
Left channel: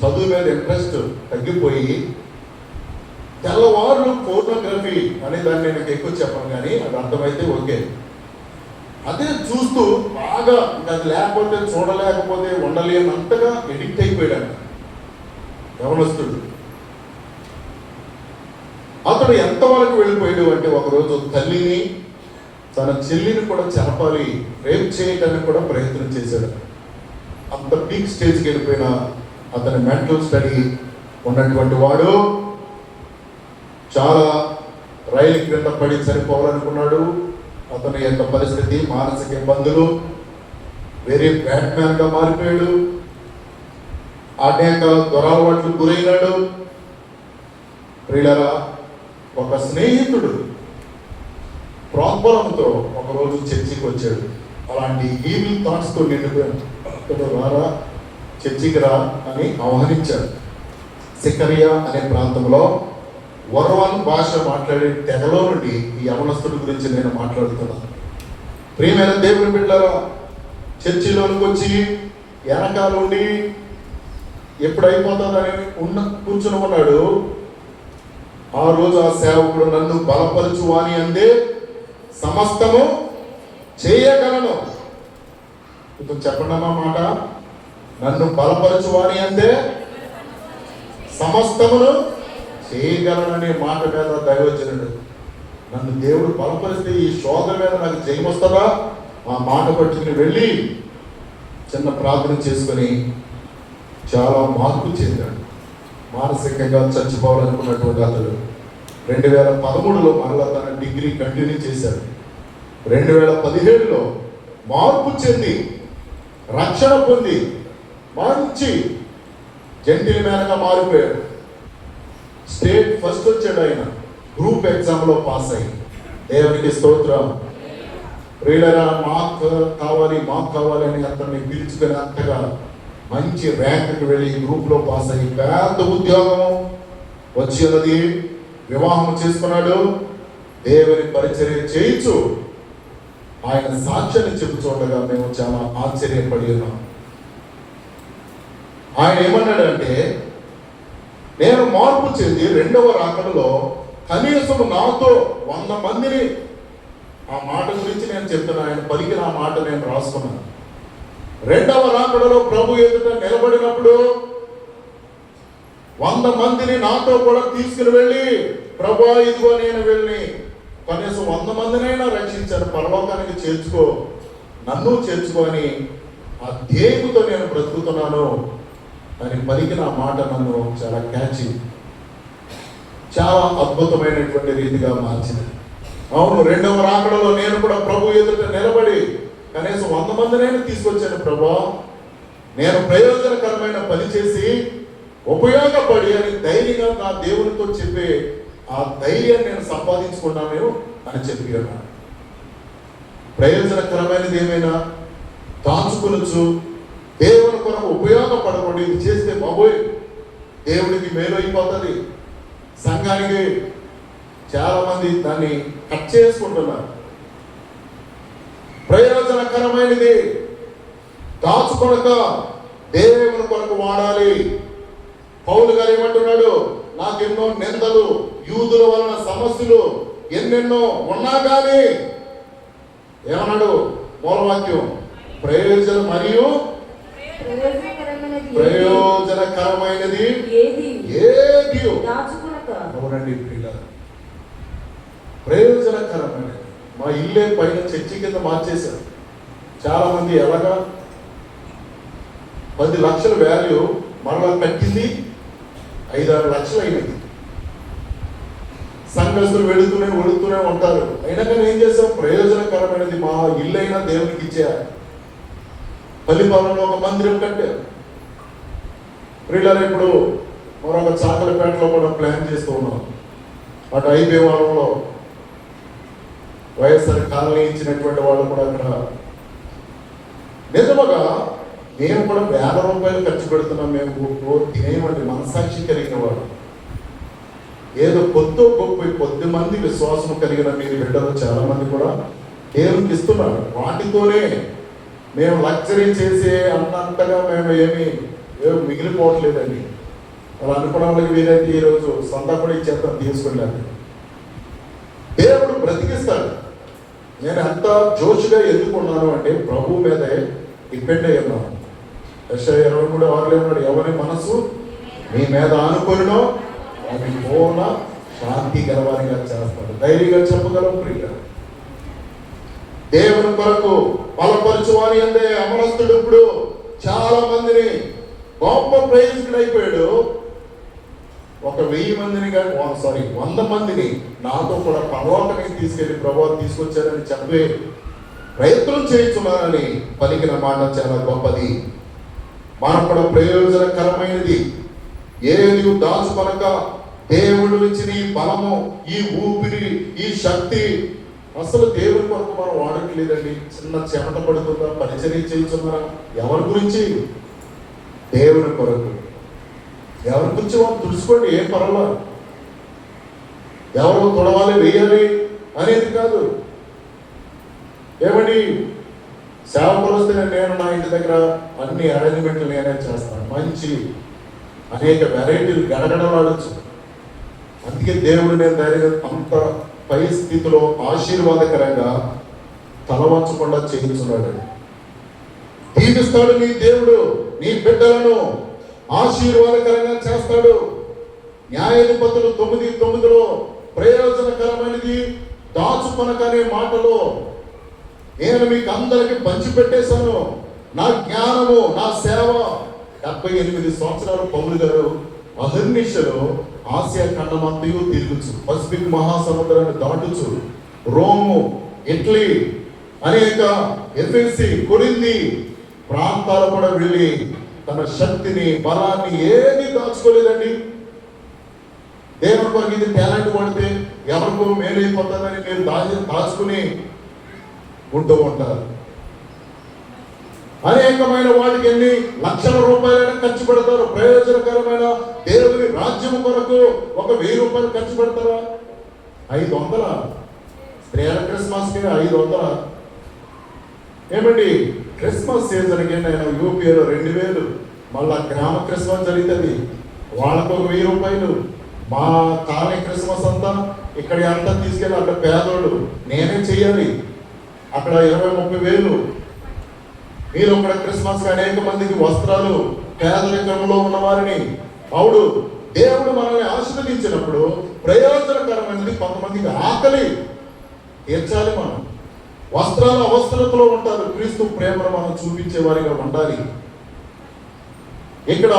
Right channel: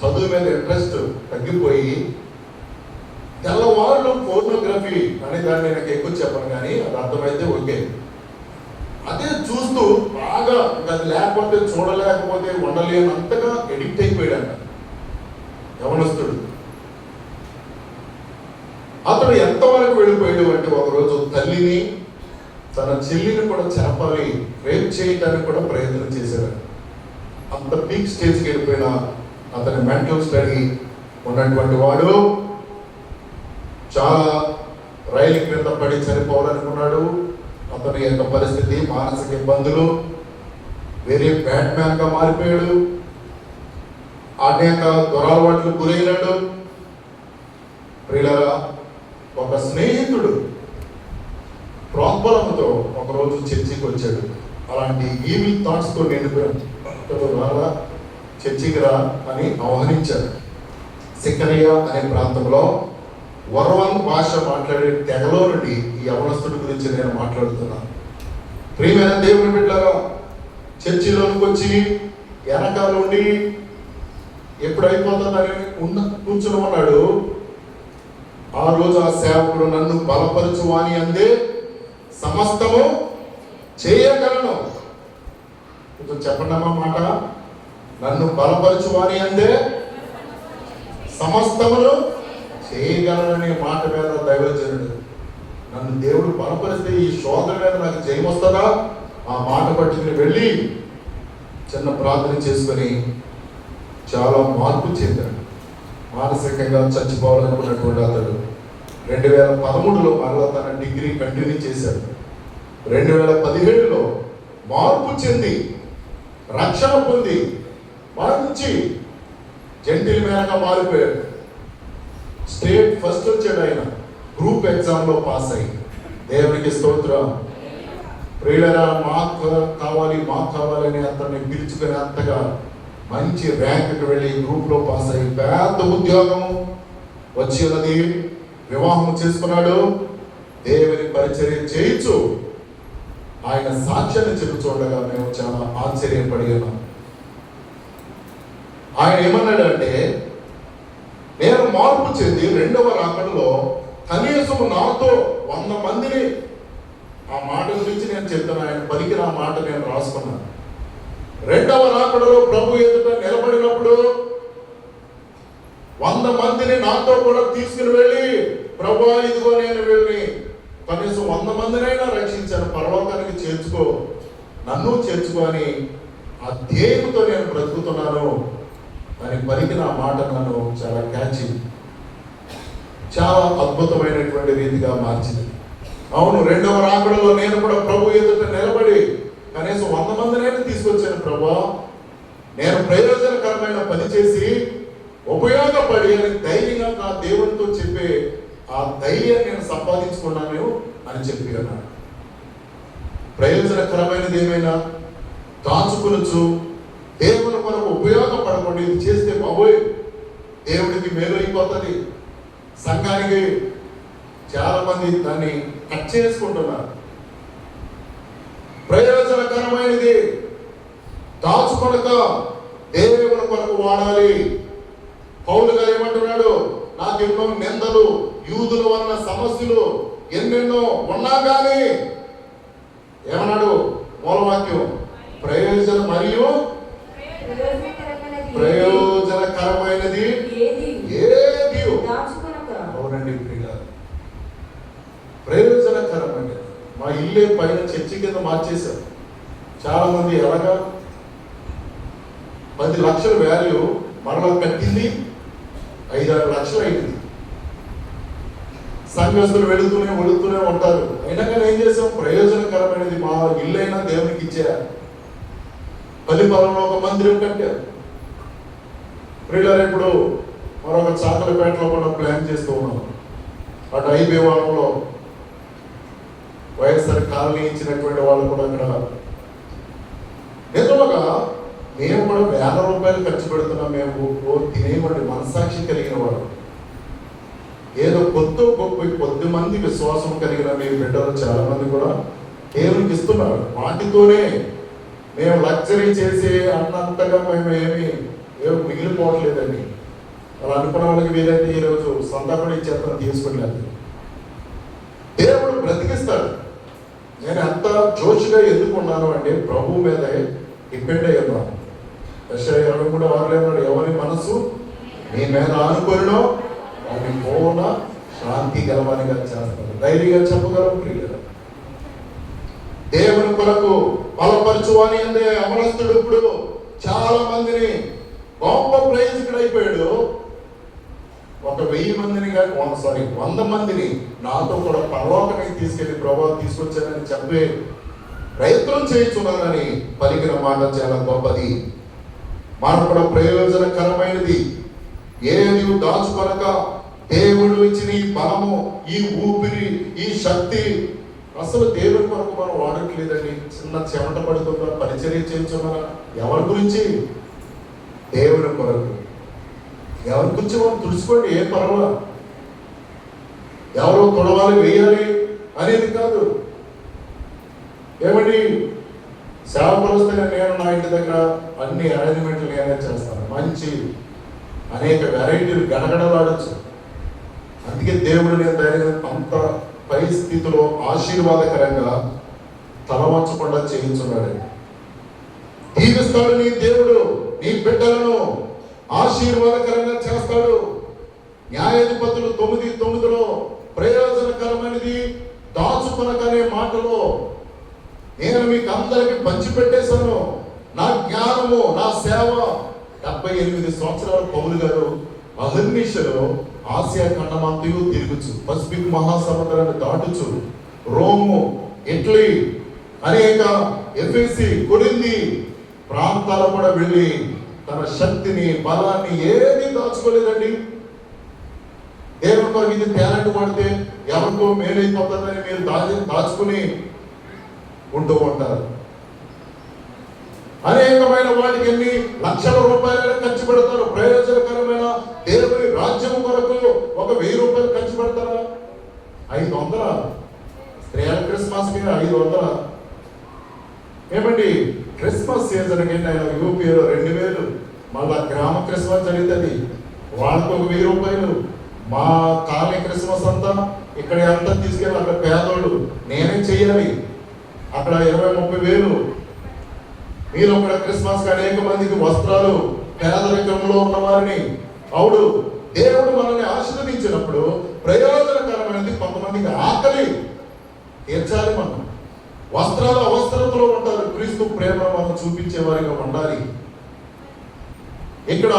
చదువు మీద ఇంట్రెస్ట్ తగ్గిపోయి తెల్లవారులు ఫోటోగ్రఫీ అనే దాన్ని నాకు ఎక్కువ చెప్పను, కానీ అది అర్థమైతే ఓకే, అదే చూస్తూ బాగా అది లేకపోతే చూడలేకపోతే ఉండలేనంతగా ఎడిక్ట్ అయిపోయాడు యవనస్తుడు. అతడు ఎంతవరకు వెళ్ళిపోయాడు అంటే, ఒకరోజు తల్లిని, తన చెల్లిని కూడా చంపాలి, రేప్ చేయడానికి కూడా ప్రయత్నం చేశాడు. అంత పీక్ స్టేజ్కి వెళ్ళిపోయిన అతని మెంటల్ స్టడీ ఉన్నటువంటి వాడు చాలా రైలు క్రింద పడి చనిపోవాలనుకున్నాడు. అతని యొక్క పరిస్థితి, మానసిక ఇబ్బందులు, వెరీ బ్యాడ్ మ్యాన్ గా మారిపోయాడు. అనేక దురలవాట్లు గురైనాడు. ప్రియులారా, ఒక స్నేహితుడు ప్రోద్బలంతో ఒకరోజు చర్చికి వచ్చాడు. అలాంటి ఈవిల్ థాట్స్ తో నిండిపోయాడు. చర్చికి రా అని ఆహ్వానించాడు. సికరియా అనే ప్రాంతంలో వర్వాన్ భాష మాట్లాడే తెగలో నుండి ఈ యవనస్తుడి గురించి నేను మాట్లాడుతున్నాను. ప్రియమైన దేవుని బిడ్డలారా, చర్చిలోనికి వచ్చి వెనకాల నుండి ఎప్పుడు అయిపోతుందని కూర్చుని ఉన్నాడు. ఆ రోజు ఆ సేవకుడు, నన్ను బలపరచు అని అందే సమస్తము చేయగలను. కొంచెం చెప్పండి అమ్మా మాట. నన్ను బలపరచు అని అందే సమస్తమును చేయగలననే మాట మీద దైవజనుడు, నన్ను దేవుడు బలపరిస్తే ఈ శోధన మీద నాకు జయం వస్తుందా? ఆ మాట పట్టుకుని వెళ్ళి చిన్న ప్రార్థన చేసుకుని చాలా మార్పు చెందాడు. మానసికంగా చచ్చిపోవాలనుకున్నటువంటి అతడు 2013లో మళ్ళా తన డిగ్రీ కంటిన్యూ చేశాడు. 2017లో మార్పు చెంది రక్షణ పొంది మంచి జెంటిల్ మ్యాన్గా మారిపోయాడు. స్టేట్ ఫస్ట్ వచ్చాడు ఆయన, గ్రూప్ ఎగ్జామ్లో పాస్ అయ్యి. దేవునికి స్తోత్రం. ప్రియులారా, మాకు కావాలి అని అతన్ని పిలుచుకొని అంతగా మంచి ర్యాంక్కి వెళ్ళి గ్రూప్లో పాస్ అయ్యి పెద్ద ఉద్యోగం వచ్చి ఉన్నది. వివాహం చేసుకున్నాడు. దేవుని పరిచర్య చేయించు ఆయన సాక్ష్యాన్ని చెప్పు చూడగా మేము చాలా ఆశ్చర్యపడి ఉన్నాం. ఆయన ఏమన్నాడంటే, నేను మార్పు చెంది 2వ రాకడలో కనీసం నాతో 100 మందిని, ఆ మాట గురించి నేను చెప్తున్నా, ఆయన పలికిన ఆ మాట నేను రాసుకున్నాను. రెండవ రాకడలో ప్రభు ఎదుట నిలబడినప్పుడు 100 మందిని నాతో కూడా తీసుకుని వెళ్ళి, ప్రభా ఇదిగో నేను వెళ్ళి కనీసం 100 మందినైనా రక్షించాను, పరలోకానికి చేర్చుకో, నన్ను చేర్చుకో అని ఆ ధ్యేయంతో నేను బ్రతుకుతున్నాను అని పలికిన ఆ మాట నన్ను చాలా క్యాచి, చాలా అద్భుతమైనటువంటి రీతిగా మార్చింది. అవును, రెండవ రాకడలో నేను కూడా ప్రభు ఎదుట నిలబడి కనీసం 100 మందినైనా తీసుకొచ్చాను ప్రభా, నేను ప్రయోజనకరమైన పని చేసి ఉపయోగపడి అని ధైర్యంగా నా దేవునితో చెప్పి ఆ ధైర్యాన్ని నేను సంపాదించుకున్నాను అని చెప్పి అన్నాను. ప్రయోజనకరమైనది ఏమైనా కాల్చుకొనొచ్చు, దేవుని కొరకు ఉపయోగపడకూడదు, ఇది చేస్తే బాబోయ్ దేవుడికి మేలు అయిపోతుంది. సంఘానికి చాలా మంది దాన్ని కట్ చేసుకుంటున్నారు. ప్రయోజనకరమైనది దాచుకొనక దేవుని కొరకు వాడాలి. పౌలు గారు ఏమంటున్నాడు, నాకెన్నో నిందలు, యూదుల వలన సమస్యలు ఎన్నెన్నో ఉన్నా కానీ ఏమన్నాడు మూలవాక్యం, ప్రయోజనం మరియు ప్రయోజనకరమైనది ఏది. అవునండి ప్రియులారా, ప్రయోజనకరమైనది. మా ఇల్లే పైన చర్చి కింద మార్చేశారు. చాలా మంది ఎలాగా 10 లక్షల వాల్యూ మరలా కట్టింది 5-6 లక్షలు అయింది. సంఘస్థులు వెళుతూనే ఉంటారు. అయినా కానీ ఏం చేస్తాం, ప్రయోజనకరమైనది మా ఇల్లు అయినా దేవునికి ఇచ్చేయాలి. బలిపరంలో ఒక మందిరం కట్టారు. ప్రియులారా, ఇప్పుడు మరొక చాకలపేటలో కూడా ప్లాన్ చేస్తూ ఉన్నాం. అటు ఐబీవరంలో వైఎస్ఆర్ కాలనీ ఇచ్చినటువంటి వాళ్ళు కూడా అక్కడ నిజముగా మేము కూడా వేల రూపాయలు ఖర్చు పెడుతున్నాం. మేము తినేమండి మనసాక్షి కలిగిన వాడు. ఏదో కొద్ది మంది విశ్వాసం కలిగిన మీ బిడ్డలు చాలా మంది కూడా దేవునికి ఇస్తున్నారు. వాటితోనే మేము లగ్జరీ చేసి అన్నంతగా మేము ఏమి మిగిలిపోవట్లేదండి. అలా అనుకున్న వాళ్ళకి వీలైతే ఈరోజు సంతపడి చెత్త తీసుకున్నాను. దేవుడు బ్రతికిస్తాడు. నేను ఎంత జోషుగా ఎందుకున్నాను అంటే ప్రభు మీదే డిపెండ్ అయ్యాను. యెషయా 23:6 ఎవరి మనసు మీ మీద అనుకున్నో అవి పూర్ణ శాంతి గలవానిగా చేస్తాను. ధైర్యంగా చెప్పగలం ప్రియులు. దేవుని కొరకు బలపరచువాని అంటే అమరస్తుడు ఇప్పుడు చాలా మందిని గొప్ప ప్రయోజకుడు అయిపోయాడు. 1,000 మందిని 100 మందిని నాతో కూడా పరలోకానికి తీసుకెళ్లి ప్రభావం తీసుకొచ్చారని చెప్పే ప్రయత్నం చేయించున్నానని పలికిన మాట చాలా గొప్పది. మనం కూడా ప్రయోజనకరమైనది ఏది దాచుకొనక దేవుడు ఇచ్చిన ఈ బలము, ఈ ఊపిరి, ఈ శక్తి అసలు దేవుడి కొరకు మనం వాడట్లేదండి. చిన్న చెమట పడుతుందా, పరిచర్య చేయించున్నా ఎవరి గురించి? దేవుడి కొరకు. ఎవరి గురించి మనం తుడుచుకోండి, ఏం పర్వాలేదు. ఎవరు తొడవాలి వేయాలి అనేది కాదు. ఏమని సేవకులు వస్తే నేను నా ఇంటి దగ్గర అన్ని అరేంజ్మెంట్లు నేనే చేస్తాను. మంచి అనేక వెరైటీలు గడగడలాడచ్చు. అందుకే దేవుడు నేను అంత పై స్థితిలో ఆశీర్వాదకరంగా తలవంచకుండా చేయించున్నాడు. దీవిస్తాడు నీ దేవుడు నీ బిడ్డలను, ఆశీర్వాదకరంగా చేస్తాడు. న్యాయాధిపతులు 9:9 ప్రయోజనకరమైనది దాచుకొనకనే మాటలో నేను మీకు అందరికి పంచిపెట్టేశాను. నా జ్ఞానము, నా సేవ. 78 సంవత్సరాలు పౌలు గారు అహర్నిశలో ఆసియా ఖండమంతయు తిరుగుచు, పసిఫిక్ మహాసముద్రాన్ని దాటుచు, రోము, ఇటలీ, అనేక ఎఫెసీ, కొరింథీ ప్రాంతాలు కూడా వెళ్ళి తన శక్తిని, బలాన్ని ఏది దాచుకోలేదండి. దేవుడికి ఇది టాలెంట్ పడితే ఎవరికో మేలైపోతుందని మీరు దాచుకుని ఉంటూ ఉంటారు. అనేకమైన వాటికి ఎన్ని లక్షల రూపాయలు ఖర్చు పెడతారు. ప్రయోజనకరమైన దేవుని రాజ్యం కొరకు 1,000 రూపాయలు ఖర్చు పెడతారా? 500 స్త్రీల క్రిస్మస్కి 500. ఏమండి క్రిస్మస్ సీజన్కి యూపీలో 2,000. మళ్ళా గ్రామ క్రిస్మస్ జరుగుతుంది, వాళ్ళకు 1,000 రూపాయలు. మా కాలనీ క్రిస్మస్ అంతా ఇక్కడ ఎంత తీసుకెళ్ళి అక్కడ పేదోడు నేనే చేయాలి, అక్కడ 20-30 వేలు. మీరు అక్కడ క్రిస్మస్ అనేక మందికి వస్త్రాలు, పేదరికంలో ఉన్న వారిని అవుడు దేవుడు మనల్ని ఆశీర్వదించినప్పుడు ప్రయోజనకరమైనది కొంతమందికి ఆకలి తీర్చాలి. మనం వస్త్రాల అవసరతలో ఉంటారు, క్రీస్తు ప్రేమను మనం చూపించే వారిగా ఉండాలి. ఇక్కడ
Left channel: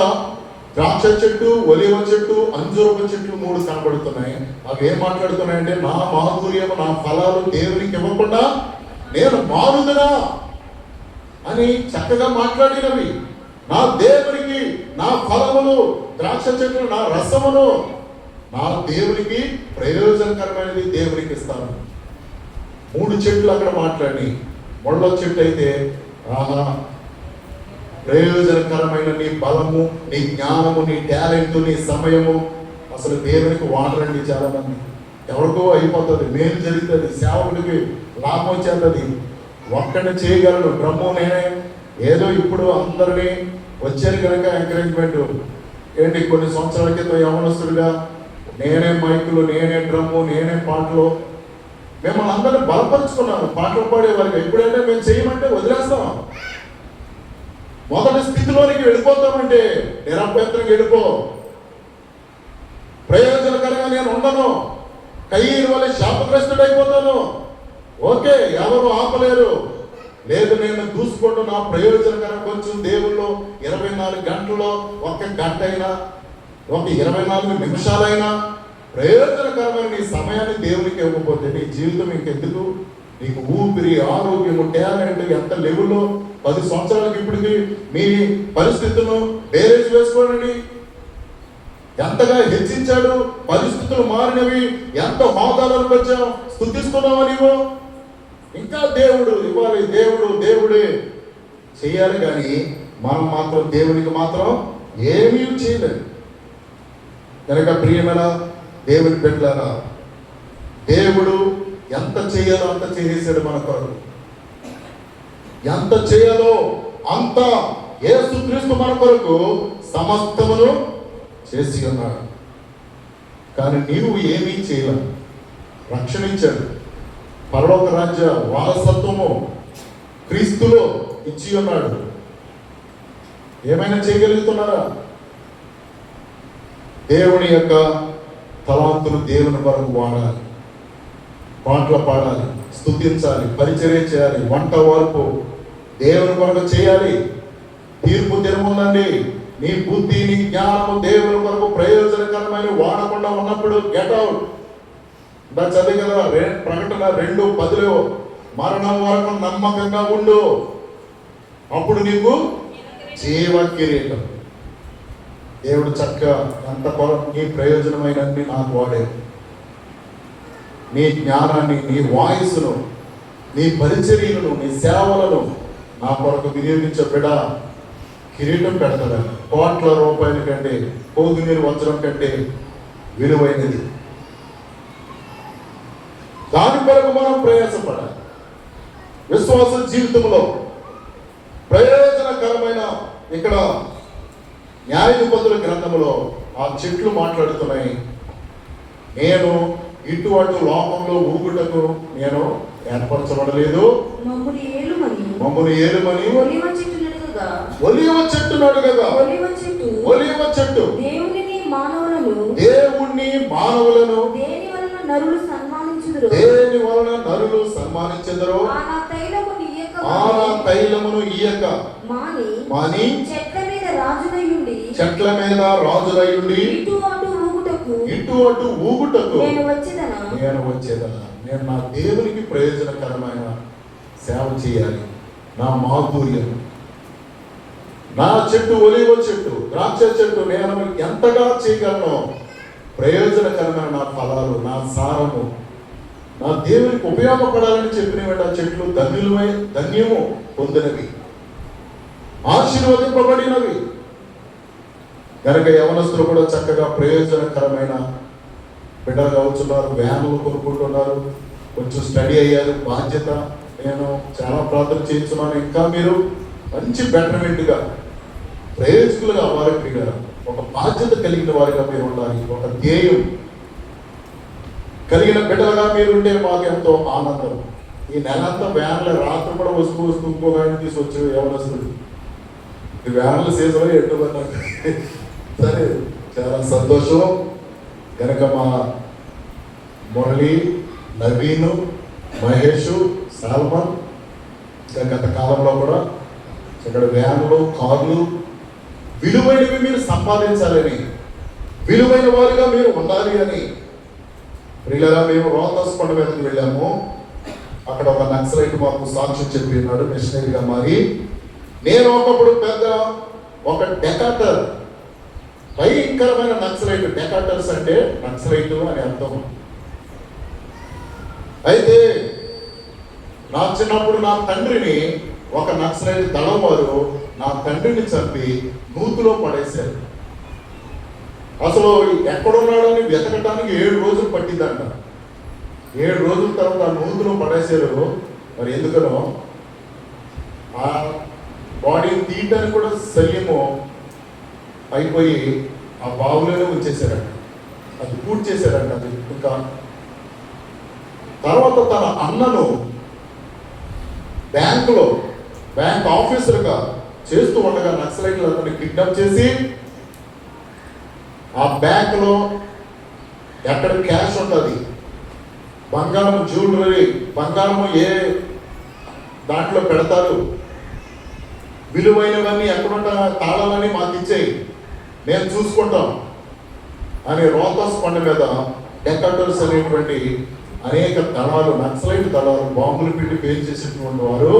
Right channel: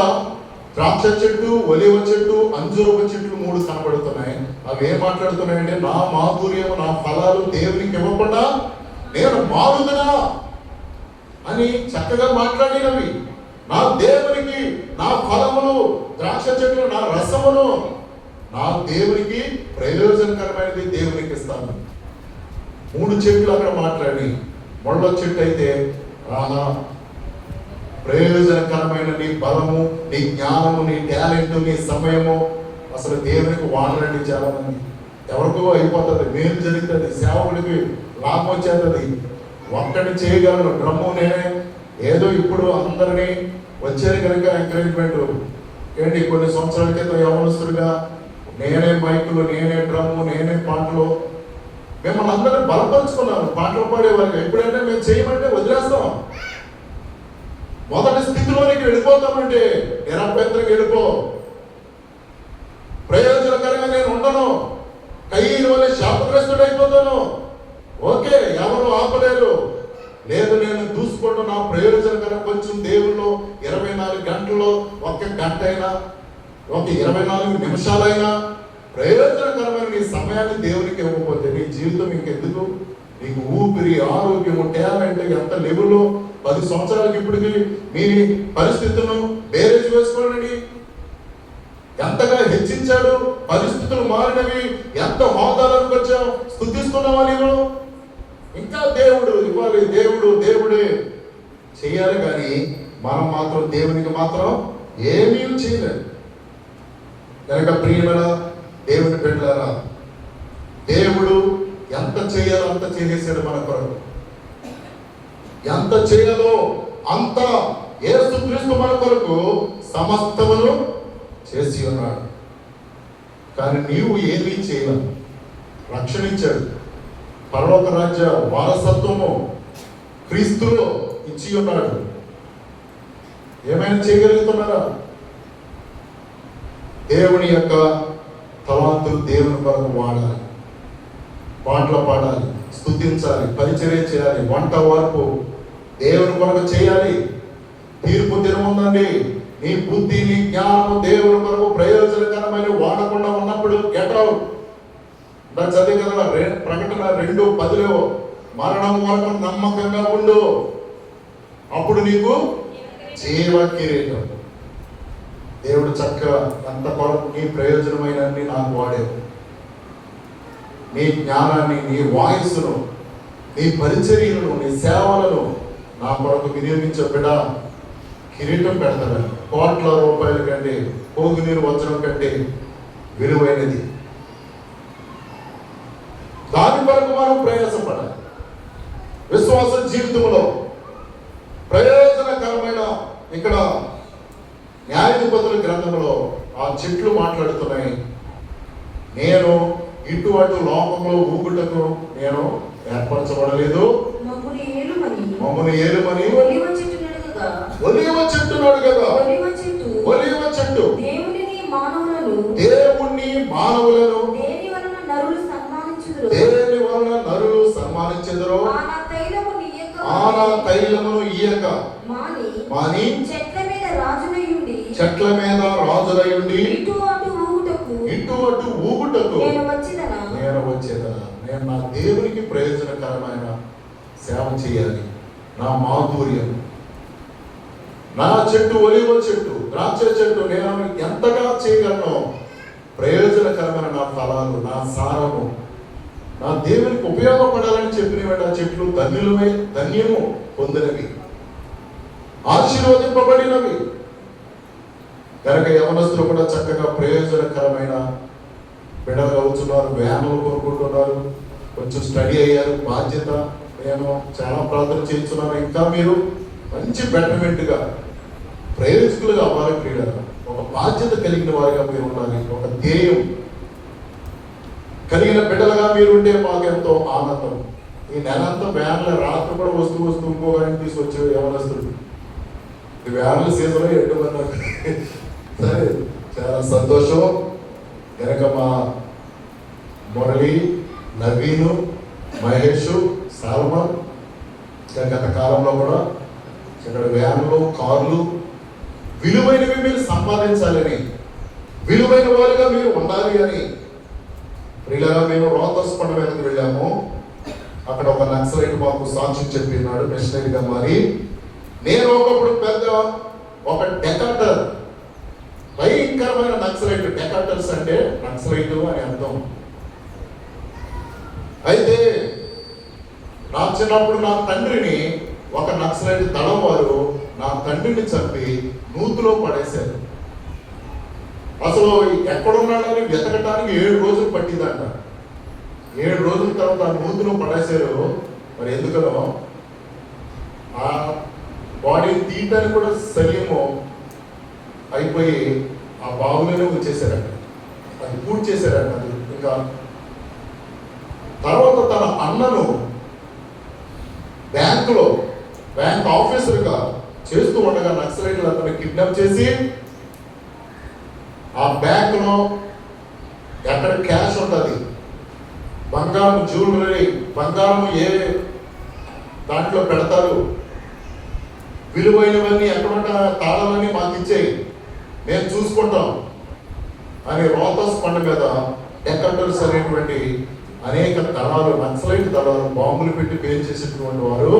ద్రాక్ష చెట్టు, ఒలివ చెట్టు, అంజూరపు చెట్లు 3 కనబడుతున్నాయి. అవి ఏం మాట్లాడుతున్నాయంటే నా మాధుర్యం, నా ఫలాలు దేవునికి ఇవ్వకుండా నేను మారుదనా అని చక్కగా మాట్లాడినవి. నా దేవునికి నా ఫలములు, ద్రాక్ష చెట్లు నా రసములు నా దేవునికి ప్రయోజనకరమైనది దేవునికి ఇస్తాను. 3 చెట్లు అక్కడ మాట్లాడి, ముళ్ళ చెట్టు అయితే ఆహా ప్రయోజనకరమైన నీ బలము, నీ జ్ఞానము, నీ టాలెంట్, నీ సమయము అసలు దేవునికి వాడరండి. చాలా మంది ఎవరికో అయిపోతుంది, మేలు జరుగుతుంది, సేవకుడికి లాభం వచ్చేస్తుంది, ఒక్కడిని చేయగలరు. డ్రమ్ము నేనే ఏదో ఇప్పుడు అందరినీ వచ్చేది కనుక ఎంకరేజ్మెంట్ ఏంటి, కొన్ని సంవత్సరాల క్రితం యవనస్తులుగా నేనే మైకులు, నేనే డ్రమ్ము, నేనే పాటలు, మిమ్మల్ని అందరినీ బలపరుచుకున్నాను. పాటలు పాడేవారికి ఎప్పుడైనా మేము చేయమంటే వదిలేస్తాం. మొదటి స్థితిలోనికి వెళ్ళిపోతామంటే నిరభ్యంతరంగా వెళ్ళిపో, ప్రయోజనకరంగా నేను ఉండను, కయ్యూరు వల్ల శాపగ్రస్తుడైపోతాను. ఓకే, ఎవరు ఆపలేరు. లేదు నేను చూసుకోవడం నా ప్రయోజనకరం వచ్చు. దేవుళ్ళు 24 గంటల్లో 1 గంట అయినా, 24 నిమిషాలైనా ప్రయోజనకరమైన నీ సమయాన్ని దేవునికి ఇవ్వకపోతే నీ జీవితం ఇంకెందుకు? నీకు ఊపిరి, ఆరోగ్యము, టాలెంట్ ఎంత లెవెల్లో 10 సంవత్సరాలకి ఇప్పటికి మీ పరిస్థితులను బేరేజ్ వేసుకోండి. ఎంతగా హెచ్చించాడు, పరిస్థితులు మారినవి, ఎంత హోదాలకు వచ్చావు, స్తుతిస్తున్నావా నీవు? ఇంకా దేవుడు ఇవ్వాలి, దేవుడే చేయాలి. కానీ మనం మాత్రం దేవునికి మాత్రం ఏమీ చేయలేదు. కనుక ప్రియులరా, దేవుని బిడ్డలారా, దేవుడు ఎంత చేయాలో అంత చేసేసాడు మన కొరకు. ఎంత చేయాలో అంత యేసుక్రీస్తు మన కొరకు సమస్తమును చేసి ఉన్నాడు. కానీ నీవు ఏమీ చేయలేవు. రక్షణించాడు, పరలోక రాజ్య వారసత్వము క్రీస్తులో ఇచ్చి ఉన్నాడు. ఏమైనా చేయగలుగుతున్నారా? దేవుని యొక్క తలాంతులు దేవుని కొరకు వాడాలి, పాటలు పాడాలి, స్తుతించాలి, పరిచర్య చేయాలి, వంట వరకు దేవుని కొరకు చేయాలి. తీర్పు దినముందండి. నీ బుద్ధి, నీ జ్ఞానము దేవుని కొరకు ప్రయోజనకరమైన వాడకుండా ఉన్నప్పుడు గెట్ అవుట్. చదివి కదా ప్రకటన 2:10 మరణం వరకు నమ్మకంగా ఉండు, అప్పుడు నీకు జీవ కిరీటం. దేవుడు చక్కగా అంత కొరకు నీ ప్రయోజనమైన నాకు వాడే నీ జ్ఞానాన్ని, నీ వాయిస్ను, నీ పరిచర్యలను, నీ సేవలను నా కొరకు వినియోగించే బిడ్డ కిరీటం పెడతాను. కోట్ల రూపాయల కంటే, పోగు నీరు వజ్రం కంటే విలువైనది. దాని కొరకు మనం ప్రయాసపడాలి. విశ్వాస జీవితంలో ప్రయోజనకరమైన ఇక్కడ న్యాయాధిపతుల గ్రంథంలో ఆ చెట్లు మాట్లాడుతున్నాయి. నేను ఇటువంటి లోకంలో ఊగుటకు నేను ఏర్పరచబడలేదు. మమ్మును ఏలుమని ఒలివ చెట్టు నడుగగా, ఒలివ చెట్టు దేవుణ్ణి మానవులను దేని వలన నరులు సన్మానించుదురు. ఆనా తైలమును ఇయ్యక మాని చెట్ల మీద రాజులయుండి ఇటు అటు ఊగుటకు నేను వచ్చేదనా. నేను నా దేవునికి ప్రయోజనకరమైన సేవ చేయాలి. నా మాధుర్యం, నా చెట్టు, ఒలివ చెట్టు, ద్రాక్ష చెట్టు నేను ఎంతగా చేయగలను? ప్రయోజనకరమైన నా ఫలాలు, నా సారము నా దేవునికి ఉపయోగపడాలని చెప్పిన ఆ చెట్లు ధన్యము పొందినవి, ఆశీర్వదింపబడినవి. కనుక యవనస్తులు కూడా చక్కగా ప్రయోజనకరమైన బిడ్డలు అవుతున్నారు, వ్యానులు కోరుకుంటున్నారు, కొంచెం స్టడీ అయ్యారు, బాధ్యత. నేను చాలా ప్రార్థన చేస్తున్నాను, ఇంకా మీరు మంచి బెటర్మెంట్గా ప్రయోజకులుగా అవ్వాలి. క్రీడలు ఒక బాధ్యత కలిగిన వారిగా మీరు ఉండాలి. ఒక ధ్యేయం కలిగిన బిడ్డలుగా మీరు ఉంటే మాకు ఎంతో ఆనందం. ఈ నెలంతా వ్యాన్లో రాత్రి కూడా వస్తూ ఇంకో ఆయన తీసుకొచ్చి ఎవరొస్తుంది ఈ వ్యాన్ల సీజన్ ఎటు సరే, చాలా సంతోషం. కనుక మా మురళి, నవీను, మహేష్, సాల్మన్ గత కాలంలో కూడా ఇక్కడ వ్యాన్లు, కార్లు విలువైనవి మీరు సంపాదించాలని, విలువైన వారిగా మీరు ఉండాలి అని ఇలా మేము రోహతాస్ కొండ మీదకి వెళ్ళాము. అక్కడ ఒక నక్సలైట్ మాకు సాక్ష్యం చెప్పినాడు మిషనరీగా మారి. నేను ఒకప్పుడు పెద్ద ఒక డెకాటర్, భయంకరమైన నక్సలైట్. డెకాటర్స్ అంటే నక్సలైట్లు అని అర్థం. అయితే నా చిన్నప్పుడు నా తండ్రిని ఒక నక్సలైట్ దళం వారు నా తండ్రిని చంపి నూతులో పడేశారు. అసలు ఎక్కడున్నాడని వెతకటానికి 7 రోజులు పట్టిందంట. 7 రోజుల తర్వాత ఆ నూతులో పడేశారు. మరి ఎందుకనో ఆ బాడీని తీయడానికి కూడా శల్యము అయిపోయి ఆ బావులోనే వచ్చేసారంట. అది పూర్తి చేశారంట. అది ఇంకా తర్వాత తన అన్నను బ్యాంక్ ఆఫీసర్గా చేస్తూ ఉండగా నక్సలైట్లు అతన్ని కిడ్నాప్ చేసి ఆ బ్యాంకులో ఎక్కడ క్యాష్ ఉంటుంది, బంగారం, జ్యువెలరీ, బంగారం ఏ దాంట్లో పెడతారు, విలువైనవన్నీ ఎక్కడ తాళాలని మాకు ఇచ్చేయి, మేము చూసుకుంటాం అని రోహతాస్ కొండ మీద డెకాటర్స్ అనేటువంటి అనేక దళాలు, నక్సలైట్ దళాలు బాంబులు పెట్టి పేరు చేసినటువంటి వారు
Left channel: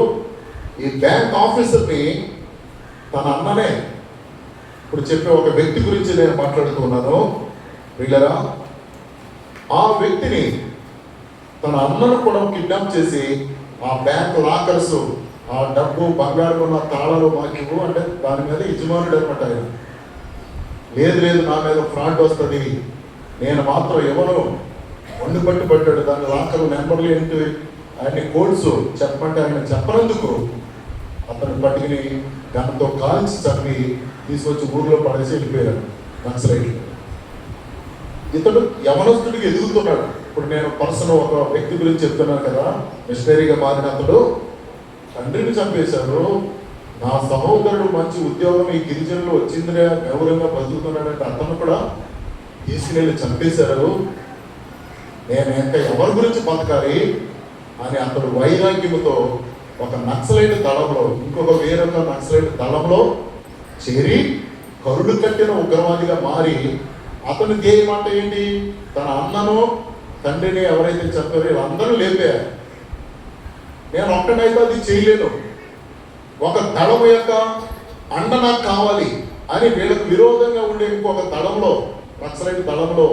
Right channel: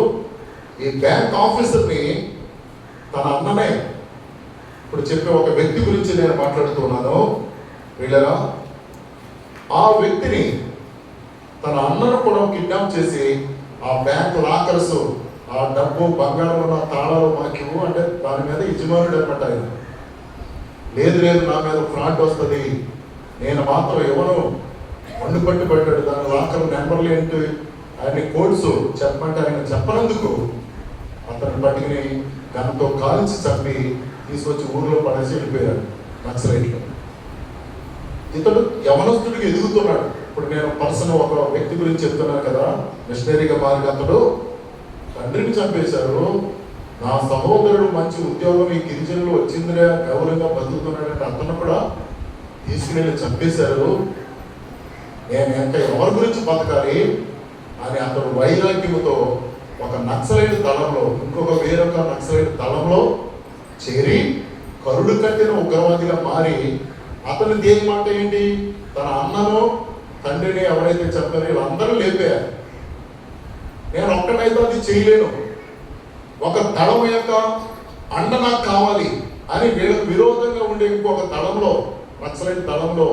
ఈ బ్యాంక్ ఆఫీసర్ని తన అన్ననే, ఇప్పుడు చెప్పే ఒక వ్యక్తి గురించి నేను మాట్లాడుతున్నాను వీళ్ళగా, ఆ వ్యక్తిని తన అన్నను కూడా కిడ్నాప్ చేసి ఆ బ్యాంక్ లాకర్స్, ఆ డబ్బు, బంగారం ఉన్న తాళాలు మాకు అంటే దాని మీద యజమానుడు ఏర్పడ్డారు. లేదు నా మీద ఫ్రాడ్ వస్తుంది, నేను మాత్రం ఎవరు పట్టు పెట్టాడు. దాని లాకర్ నెంబర్లు ఏంటి అన్ని కోడ్స్ చెప్పమంటే ఆయన చెప్పనందుకు అతను పట్టుకుని గంతో కాల్చి చంపి తీసుకొచ్చి ఊర్లో పడేసి వెళ్ళిపోయారు నక్సలైట్లు. ఇతడు యవనస్తుడికి ఎదుగుతున్నాడు. ఇప్పుడు నేను పర్సన్ ఒక వ్యక్తి గురించి చెప్తున్నాను కదా, మిషనరీగా మారిన అతడు తండ్రిని చంపేశారు. నా సహోదరుడు మంచి ఉద్యోగం ఈ గిరిజనులు వచ్చిందిగా గౌరవంగా బతుకుతున్నాడంటే అతను కూడా తీసుకుని చంపేశారు. నేను ఇంకా ఎవరి గురించి బతకాలి అని అతడు వైరాగ్యంతో ఒక నక్సలైట్ దళంలో, ఇంకొక వేరొక నక్సలైట్ దళంలో చేరి కరుడు కట్టిన ఉగ్రవాదిగా మారి అతని ధ్యేయం మాట ఏంటి, తన అన్నను, తండ్రిని ఎవరైతే చెప్పారో వీళ్ళందరూ లేపారు. నేను ఒక్కటైతే అది చేయలేను, ఒక దళం యొక్క అన్న నాకు కావాలి అని వీళ్ళకు విరోధంగా ఉండే ఇంకొక దళంలో, నక్సలైట్ దళంలో,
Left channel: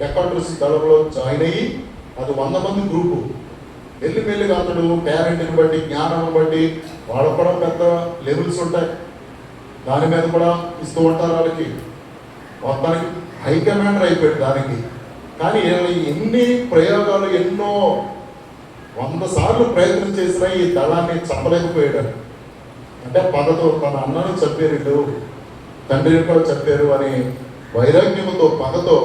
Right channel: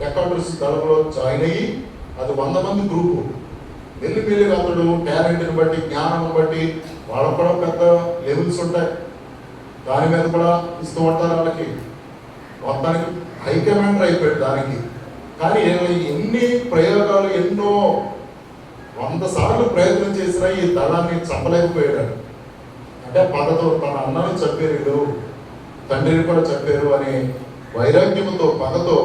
డెకాటర్స్ దళంలో జాయిన్ అయ్యి అది 100 మంది గ్రూపు. మెల్లి అతడు టాలెంట్ని బట్టి, జ్ఞానం బట్టి వాళ్ళకు కూడా పెద్ద లెవెల్స్ ఉంటాయి, దాని మీద కూడా ఇస్తూ ఉంటారు వాళ్ళకి. మొత్తానికి హైకమాండర్ అయిపోయాడు దానికి. కానీ ఎన్ని ప్రయోగాలు, ఎన్నో 100 సార్లు ప్రయత్నం చేసినా ఈ దళాన్ని చంపలేకపోయాడు. అంటే పగతో తన అన్నను చెప్పారు, తండ్రిని కూడా చెప్పారు అని వైరాగ్యంతో, పగతో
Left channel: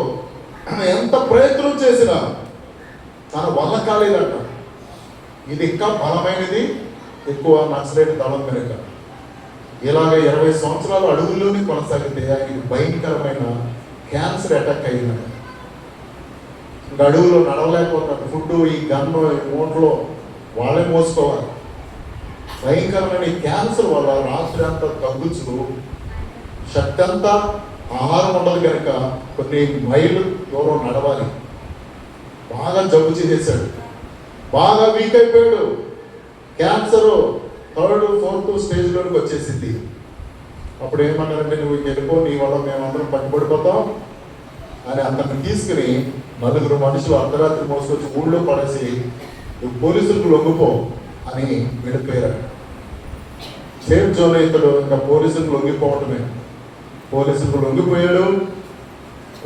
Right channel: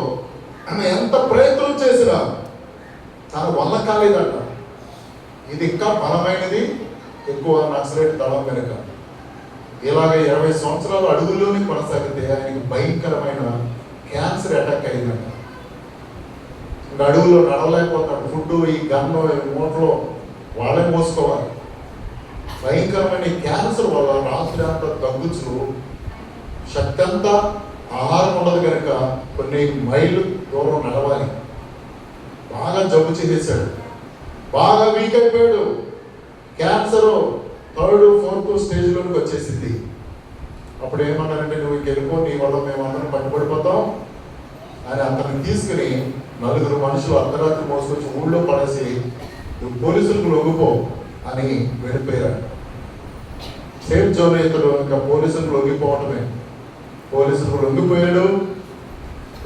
ఎంత ప్రయత్నం చేసినా తన వల్ల కాలేదంట. ఇది ఇంకా బలమైనది, ఎక్కువ నక్సలైట్ దళం వెనుక ఇలాగ 20 సంవత్సరాలు అడుగుల్లోనే కొనసాగితే ఆయనకి భయంకరమైన క్యాన్సర్ అటాక్ అయిందంట. అడుగులో నడవలేకపోతాడు. ఫుడ్, ఈ గన్ను, మూటలో వాళ్ళే మోసుకోవాలి. భయంకరమైన క్యాన్సర్ వల్ల రాత్రి అంతా తగ్గుచు, శక్తి అంతా ఆహారం ఉండదు కనుక కొన్ని మైళ్ళు దూరం నడవాలి. బాగా జబ్బు చేసేసాడు, బాగా వీక్ అయిపోయాడు. క్యాన్సర్ 3rd, 4th స్టేజ్లోకి వచ్చేసింది. అప్పుడు ఏమన్నారంటే, నువ్వు వెళ్ళిపో, నీ వల్ల మేము అందరం పట్టుబడిపోతాం అని అతన్ని తీసుకుని 4 మనుషులు అర్ధరాత్రి మోసుకొచ్చి ఊళ్ళో పడేసి నువ్వు పోలీసులకు లొంగిపో అని వెళ్ళిపోయాడు. సేఫ్ జోన్ ఇతడు ఇంకా పోలీసులకు లొంగిపోవటమే. పోలీసులకు లొంగిపోయాడు.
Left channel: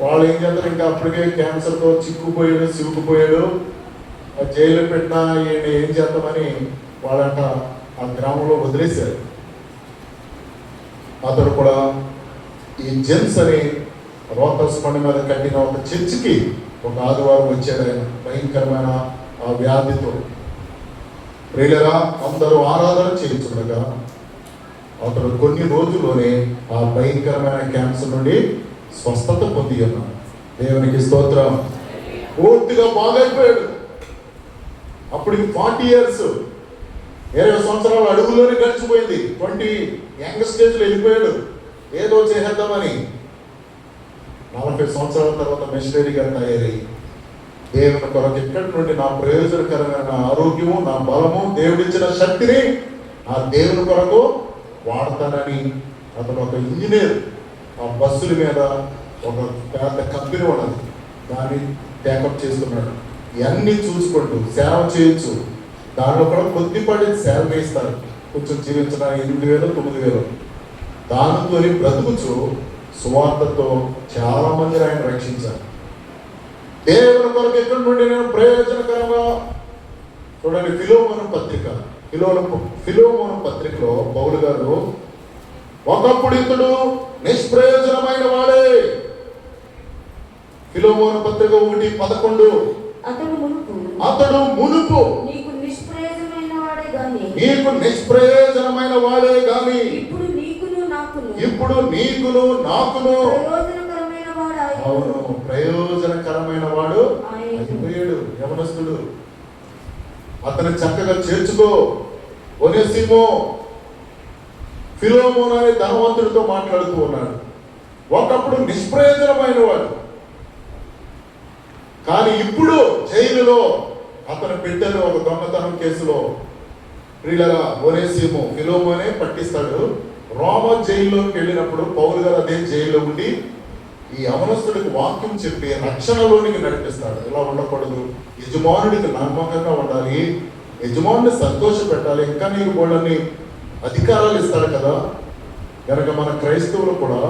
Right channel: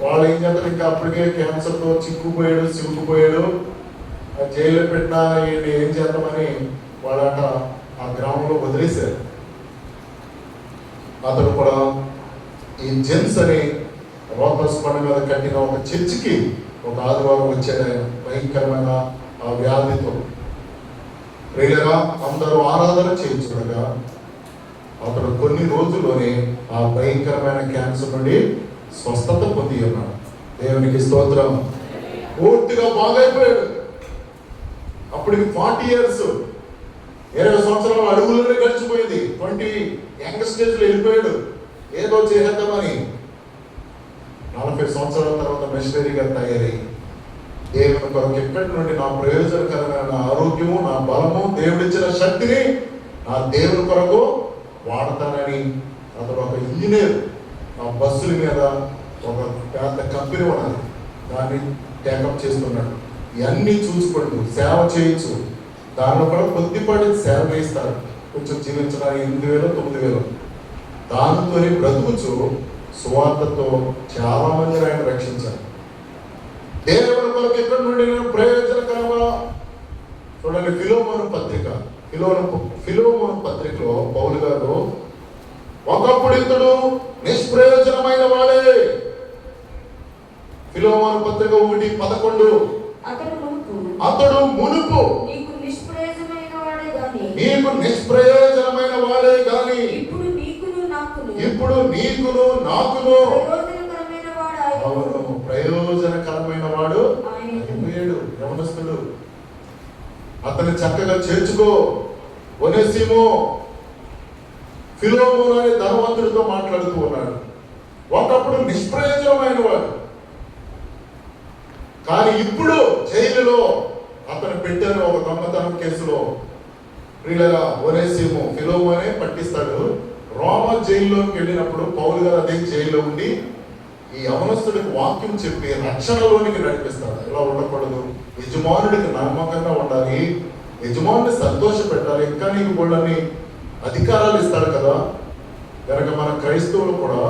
వాళ్ళు ఏం చేస్తారు, ఇంకా అప్పటికే క్యాన్సర్తో చిక్కుకుపోయాడు. జైలు పెట్టినా ఏం చేద్దామని వాళ్ళంట ఆ గ్రామంలో వదిలేశారు. అతడు కూడా ఈ జెమ్స్ అని రోహతాస్ కొండ మీద కట్టిన ఒక చర్చికి ఒక ఆదివారం వచ్చాడు ఆయన భయంకరమైన ఆ వ్యాధితో. ప్రియులరా, అందరూ ఆరాధన చేయించుకోగా అతడు కొన్ని రోజుల్లోనే ఆ భయంకరమైన క్యాన్సర్ నుండి స్వస్థత పొంది ఉన్నాడు. దేవునికి స్తోత్రం. పూర్తిగా బాగైపోయాడు. అప్పుడు 40 years, 20 సంవత్సరాల అడుగులోనే గడిచిపోయింది. 20 యంగ్ స్టేజ్ లో వెళ్ళిపోయాడు ఏదో చేసేద్దామని. 40 సంవత్సరాల తర్వాత మిషనరీగా తయారై దేవుని కొరకు ఎక్కడి నుండి నా ప్రయోజనకరమైన ఆరోగ్యము, నా బలము, దేవుడిచ్చిన శక్తిని నా దేవుని కొరకు వాడతానని అతను ఒక ఇంజనీర్. ఆ బస్సుల మీద ఒక పెద్ద కంపెనీ ఉన్నది, దాన్ని టేకప్ చేస్తున్నాడు. ఇవన్నీ చూసుకుంటూ సేవ చేయొచ్చు. దాంట్లో కూడా కొద్దిపాటి శాలరీ ఇస్తారు, కొంచెం జీవించడానికి 8,000, 9,000. దానితో బ్రతుకుచు సువార్తతో చాలా మంది ఆయన రక్షించారు. దేవుని కొరకు ఎక్కడి నుండి నేను ప్రయోజనకరంగా చూడండి. ఫిలోమోను పత్రికలో పౌలు గారు, ఒకప్పుడు ఇతడు నిష్ప్రయోజనమైన వాడే. ఫిలోమోను పత్రిక 1:11, అతడు మునుపు నీకు నిష్ప్రయోజనమైన వాడే గాని ఇప్పుడు నీకును నాకును ప్రయోజనకరమైన వాడు అయిపోయాడు. యవనస్తుడు, అతను చక్కగా చేర్చుకో. ఒనేసిమో ఫిలోమోను అనే ధనవంతుడితో మాట్లాడుతూ ఉన్నాడు. ఒకప్పుడు నిష్ప్రయోజనమైన వాడు, కానీ ఇప్పుడు జైలులో అతను పెట్టిన ఒక దొంగతనం కేసులో ప్రియులరా ఒనేసిమో ఫిలోమోనే పట్టిస్తాడు. రోమ జైల్లోకి వెళ్ళినప్పుడు పౌలు గారు అదే జైల్లో ఉండి ఈ యవనస్తుడికి వాక్యం చెప్పి రక్షణలోనికి నడిపిస్తాడు. ఇలా ఉండకూడదు, యజమానుడికి నమ్మకంగా ఉండాలి, యజమానుడిని సంతోష పెట్టాలి, ఇంకా నీకు వాళ్ళని అధికారాలు ఇస్తాడు కదా. కనుక మన క్రైస్తవులు కూడా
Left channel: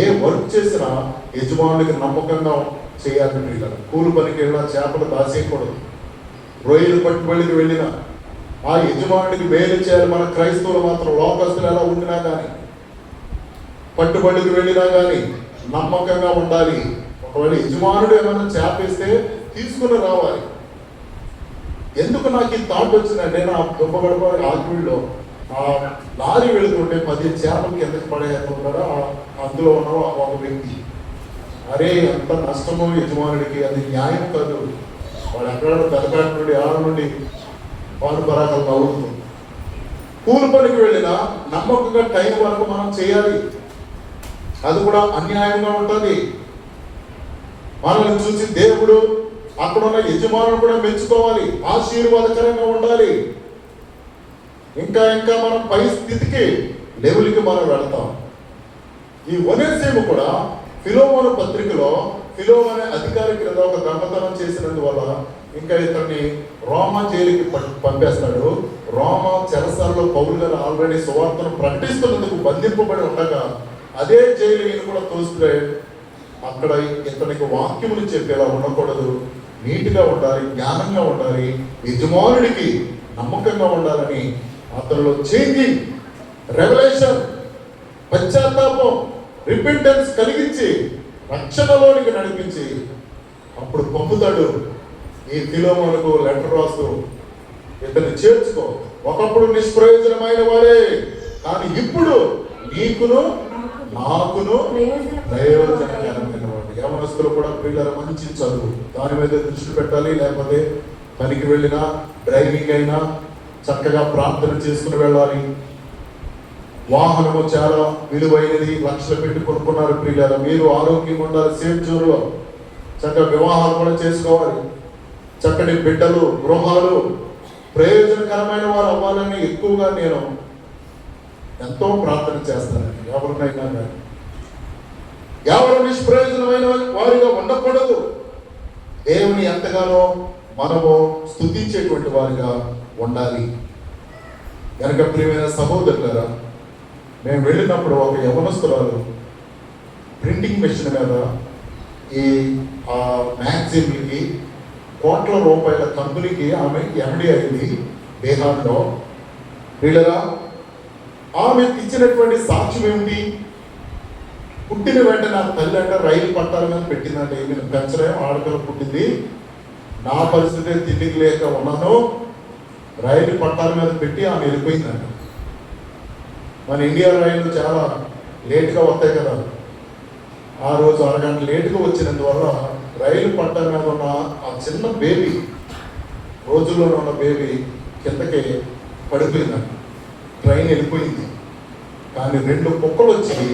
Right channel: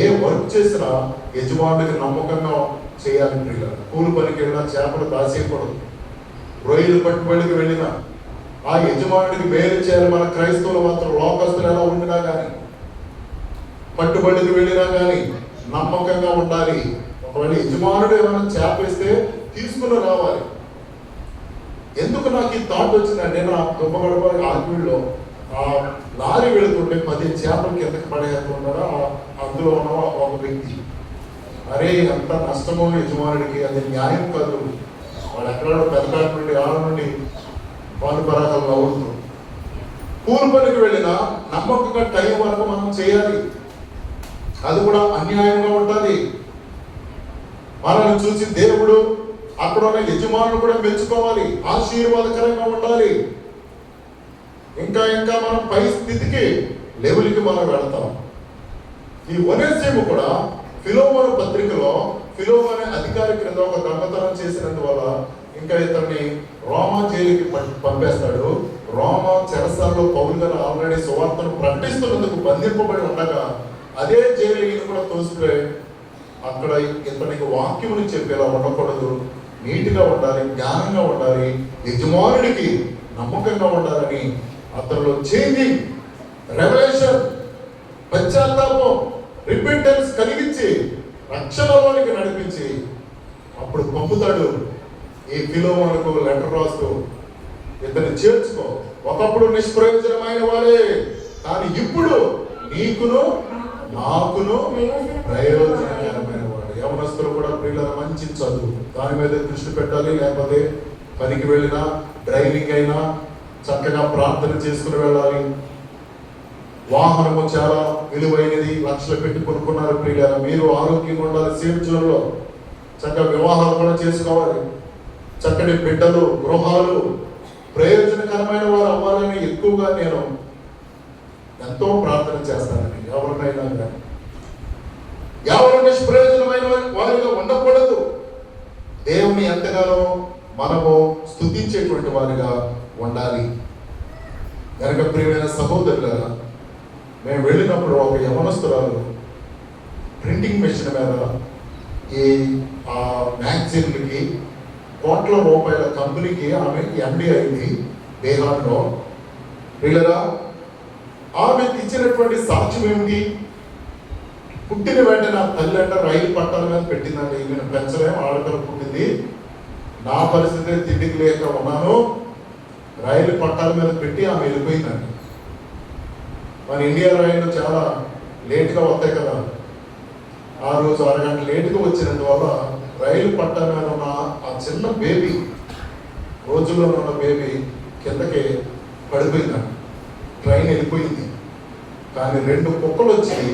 ఏ వర్క్ చేసినా యజమానుడికి నమ్మకంగా చేయాలి. ప్రియుల కూలి పనికి వెళ్ళినా చేపలు దాసేయకూడదు. రొయ్యలు పట్టుబడికి వెళ్ళినా ఆ యజమానుడికి మేలు చేయాలి. మన క్రైస్తవులు మాత్రం లోకస్తులు ఎలా ఉండినా కానీ, పట్టుబడికి వెళ్ళినా కానీ నమ్మకంగా ఉండాలి. ఒకవేళ యజమానుడు ఏమైనా చేపేస్తే తీసుకుని రావాలి. ఎందుకు నాకు ఈ థాట్ వచ్చిందంటే, నా దుబ్బగడప ఆత్మీయుల్లో ఆ లారీ వెళుతుంటే 10 చేపలు కిందకి పడేస్తున్నాడా అందులో ఉన్న ఒక వ్యక్తి, అరే అంత నష్టము యజమానుడికి, అది న్యాయం కాదు. వాడు ఎక్కడ పెద్ద నుండి ఆడ నుండి పాలు పరాగం అవుతుంది. కూలి పనికి వెళ్ళినా నమ్మకంగా టైం వరకు మనం చేయాలి. అది కూడా అన్యాయంగా ఉంటుంది. మనల్ని చూసి దేవుడు అక్కడ ఉన్న యజమానులు కూడా మెచ్చుకోవాలి, ఆశీర్వాదకరంగా ఉండాలి. ఇంకా ఇంకా మనం పై స్థితికి లెవెల్కి మనం వెళతాం. ఈ ఒనేసిము కూడా ఫిలోమోను పత్రికలో ఫిలోమోను అధికారి క్రింద ఒక దొంగతనం చేసినందువల్ల ఇంకా ఇతన్ని రోమా జైలుకి పంపేస్తాడు. రోమా చెరసాలలో పౌలు గారు ఆల్రెడీ సువార్తను ప్రకటిస్తున్నందుకు బంధింపబడి ఉండగా అదే జైలు ఈయన కూడా తోసిపోయాడు. అక్కడ ఇతనికి వాక్యములు చెప్పేలా ఉండకూడదు, నీట్గా ఉండాలి, జ్ఞానంగా ఉండాలి, యజమానుడికి నమ్మకంగా ఉండాలని అతనిలో చేంజింగ్, రెవల్యూషన్, పశ్చాత్తాపం, రిపెంటెన్స్ కలిగించి రక్షణలోనికి నడిపించి అప్పుడు పంపుతాడు. ఈ ఫిలోమోనుకు లెటర్ రాస్తూ, ఇతన్ని చేర్చుకో, ఒకప్పుడు నిష్ప్రయోజనమైన వాడే, కానీ ఇప్పుడు నీకును నాకును ప్రయోజనకరమైన వాడు. యవనస్తులు కూడా పిల్లల మంచి చదువు దాని మీద దృష్టి పెట్టాలి. లేకపోతే పనికి వెళ్ళినా, డ్రైవింగ్ అయినా చక్కగా ప్రార్థన చేసుకుని వెళ్ళాలి. వాహనము చాలా విలువైనది, లక్షలు పెట్టి కొనుక్కున్నారు పిల్లల. మీరు ఆరోగ్యంగా ఉండాలి, సేఫ్ జోన్లో చక్కగా వివాహాలు కూడా చేసుకోవాలి. చక్కటి బిడ్డలు, గృహాలు ప్రయోజనకరమైన వారు అవ్వాలని ఎక్కువగా నేను ఎంతో ప్రార్థన చేస్తానండి. ఎవరినైనా కానీ ఎవరు నిష్ప్రయోజనమైన వారిగా ఉండకూడదు. దేవుని ఎంతగానో మనము స్తుతించేటువంటి వారిగా ఉండాలి. కనుక ప్రియమైన సహోదరులారా, మేము వెళ్ళినప్పుడు ఒక యవనస్తురాలు ప్రింటింగ్ మెషిన్ మీద ఈ మ్యాగజైన్లకి కోట్ల రూపాయల కంపెనీకి ఆమె ఎండి అయింది బీహార్లో. వీళ్ళగా ఆమె ఇచ్చినటువంటి సాక్ష్యం ఏమిటి? పుట్టిన వెంటనే ఆ తల్లి అంట రైలు పట్టాల మీద పెట్టిందంటే నేను పెంచలేము, ఆడపిల్ల పుట్టింది, నా పరిస్థితి తిండికి లేక ఉన్నాను, రైలు పట్టాల మీద పెట్టి ఆమె వెళ్ళిపోయిందంట. మన ఇండియా రైలు చాలా లేట్గా వస్తాయి కదా, ఆ రోజు అరగంట లేట్గా వచ్చినందువల్ల రైలు పట్టాల మీద ఉన్న ఆ చిన్న బేబీ, రోజుల్లో ఉన్న బేబీ కిందకి పడిపోయిందంట. ట్రైన్ వెళ్ళిపోయింది, కానీ 2 కుక్కలు వచ్చి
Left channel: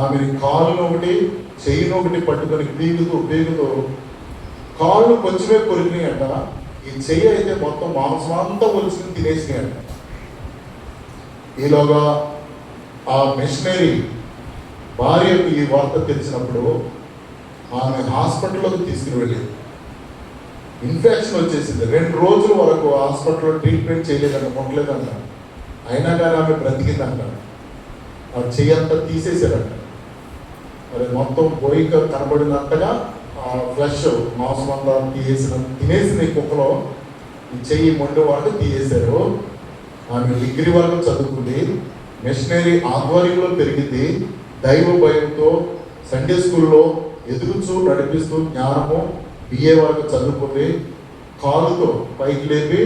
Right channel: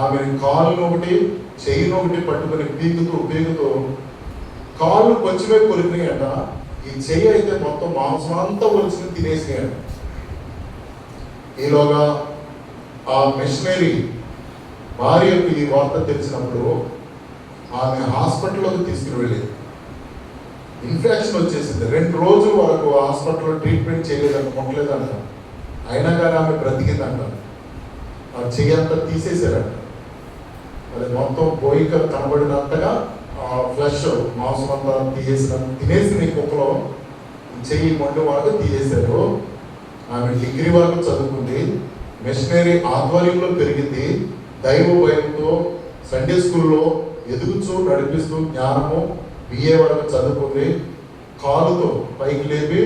ఆమె కాళ్ళు ఒకటి చెయ్యిని ఒకటి పట్టుకొని పీకుతూ కాళ్ళు కొంచెమే కొరికినాయట, ఈ చెయ్యి అయితే మొత్తం మాంసం అంతా కొలుచుకుని తినేసినాయట. ఈలోగా ఆ మిషనరీ భార్యకు ఈ వార్త తెలిసినప్పుడు ఆమె హాస్పిటల్లోకి తీసుకుని వెళ్ళేది. ఇన్ఫెక్షన్ వచ్చేసింది. 2 రోజుల వరకు హాస్పిటల్లో ట్రీట్మెంట్ చేయలేదంట, అయినా కానీ ఆమె బ్రతికిందంట. ఆ చెయ్యంతా తీసేసారంట, అది మొత్తం పోయిక కనబడినట్టుగా ఆ ఫ్లెష్ మాంసం అంతా తినేసిన కుక్కలో ఈ చెయ్యి మొండి వరకు తీసేశారు. ఆమె డిగ్రీ వరకు చదువుకుంది, మిషనరీ ఆధ్వర్యంలో పెరిగింది, దైవ భయంతో సండే స్కూల్లో ఎదుగుచూ నడిపిస్తూ జ్ఞానము బిఏ వరకు చదువుకుంది. కాలుతో పైకి లేపి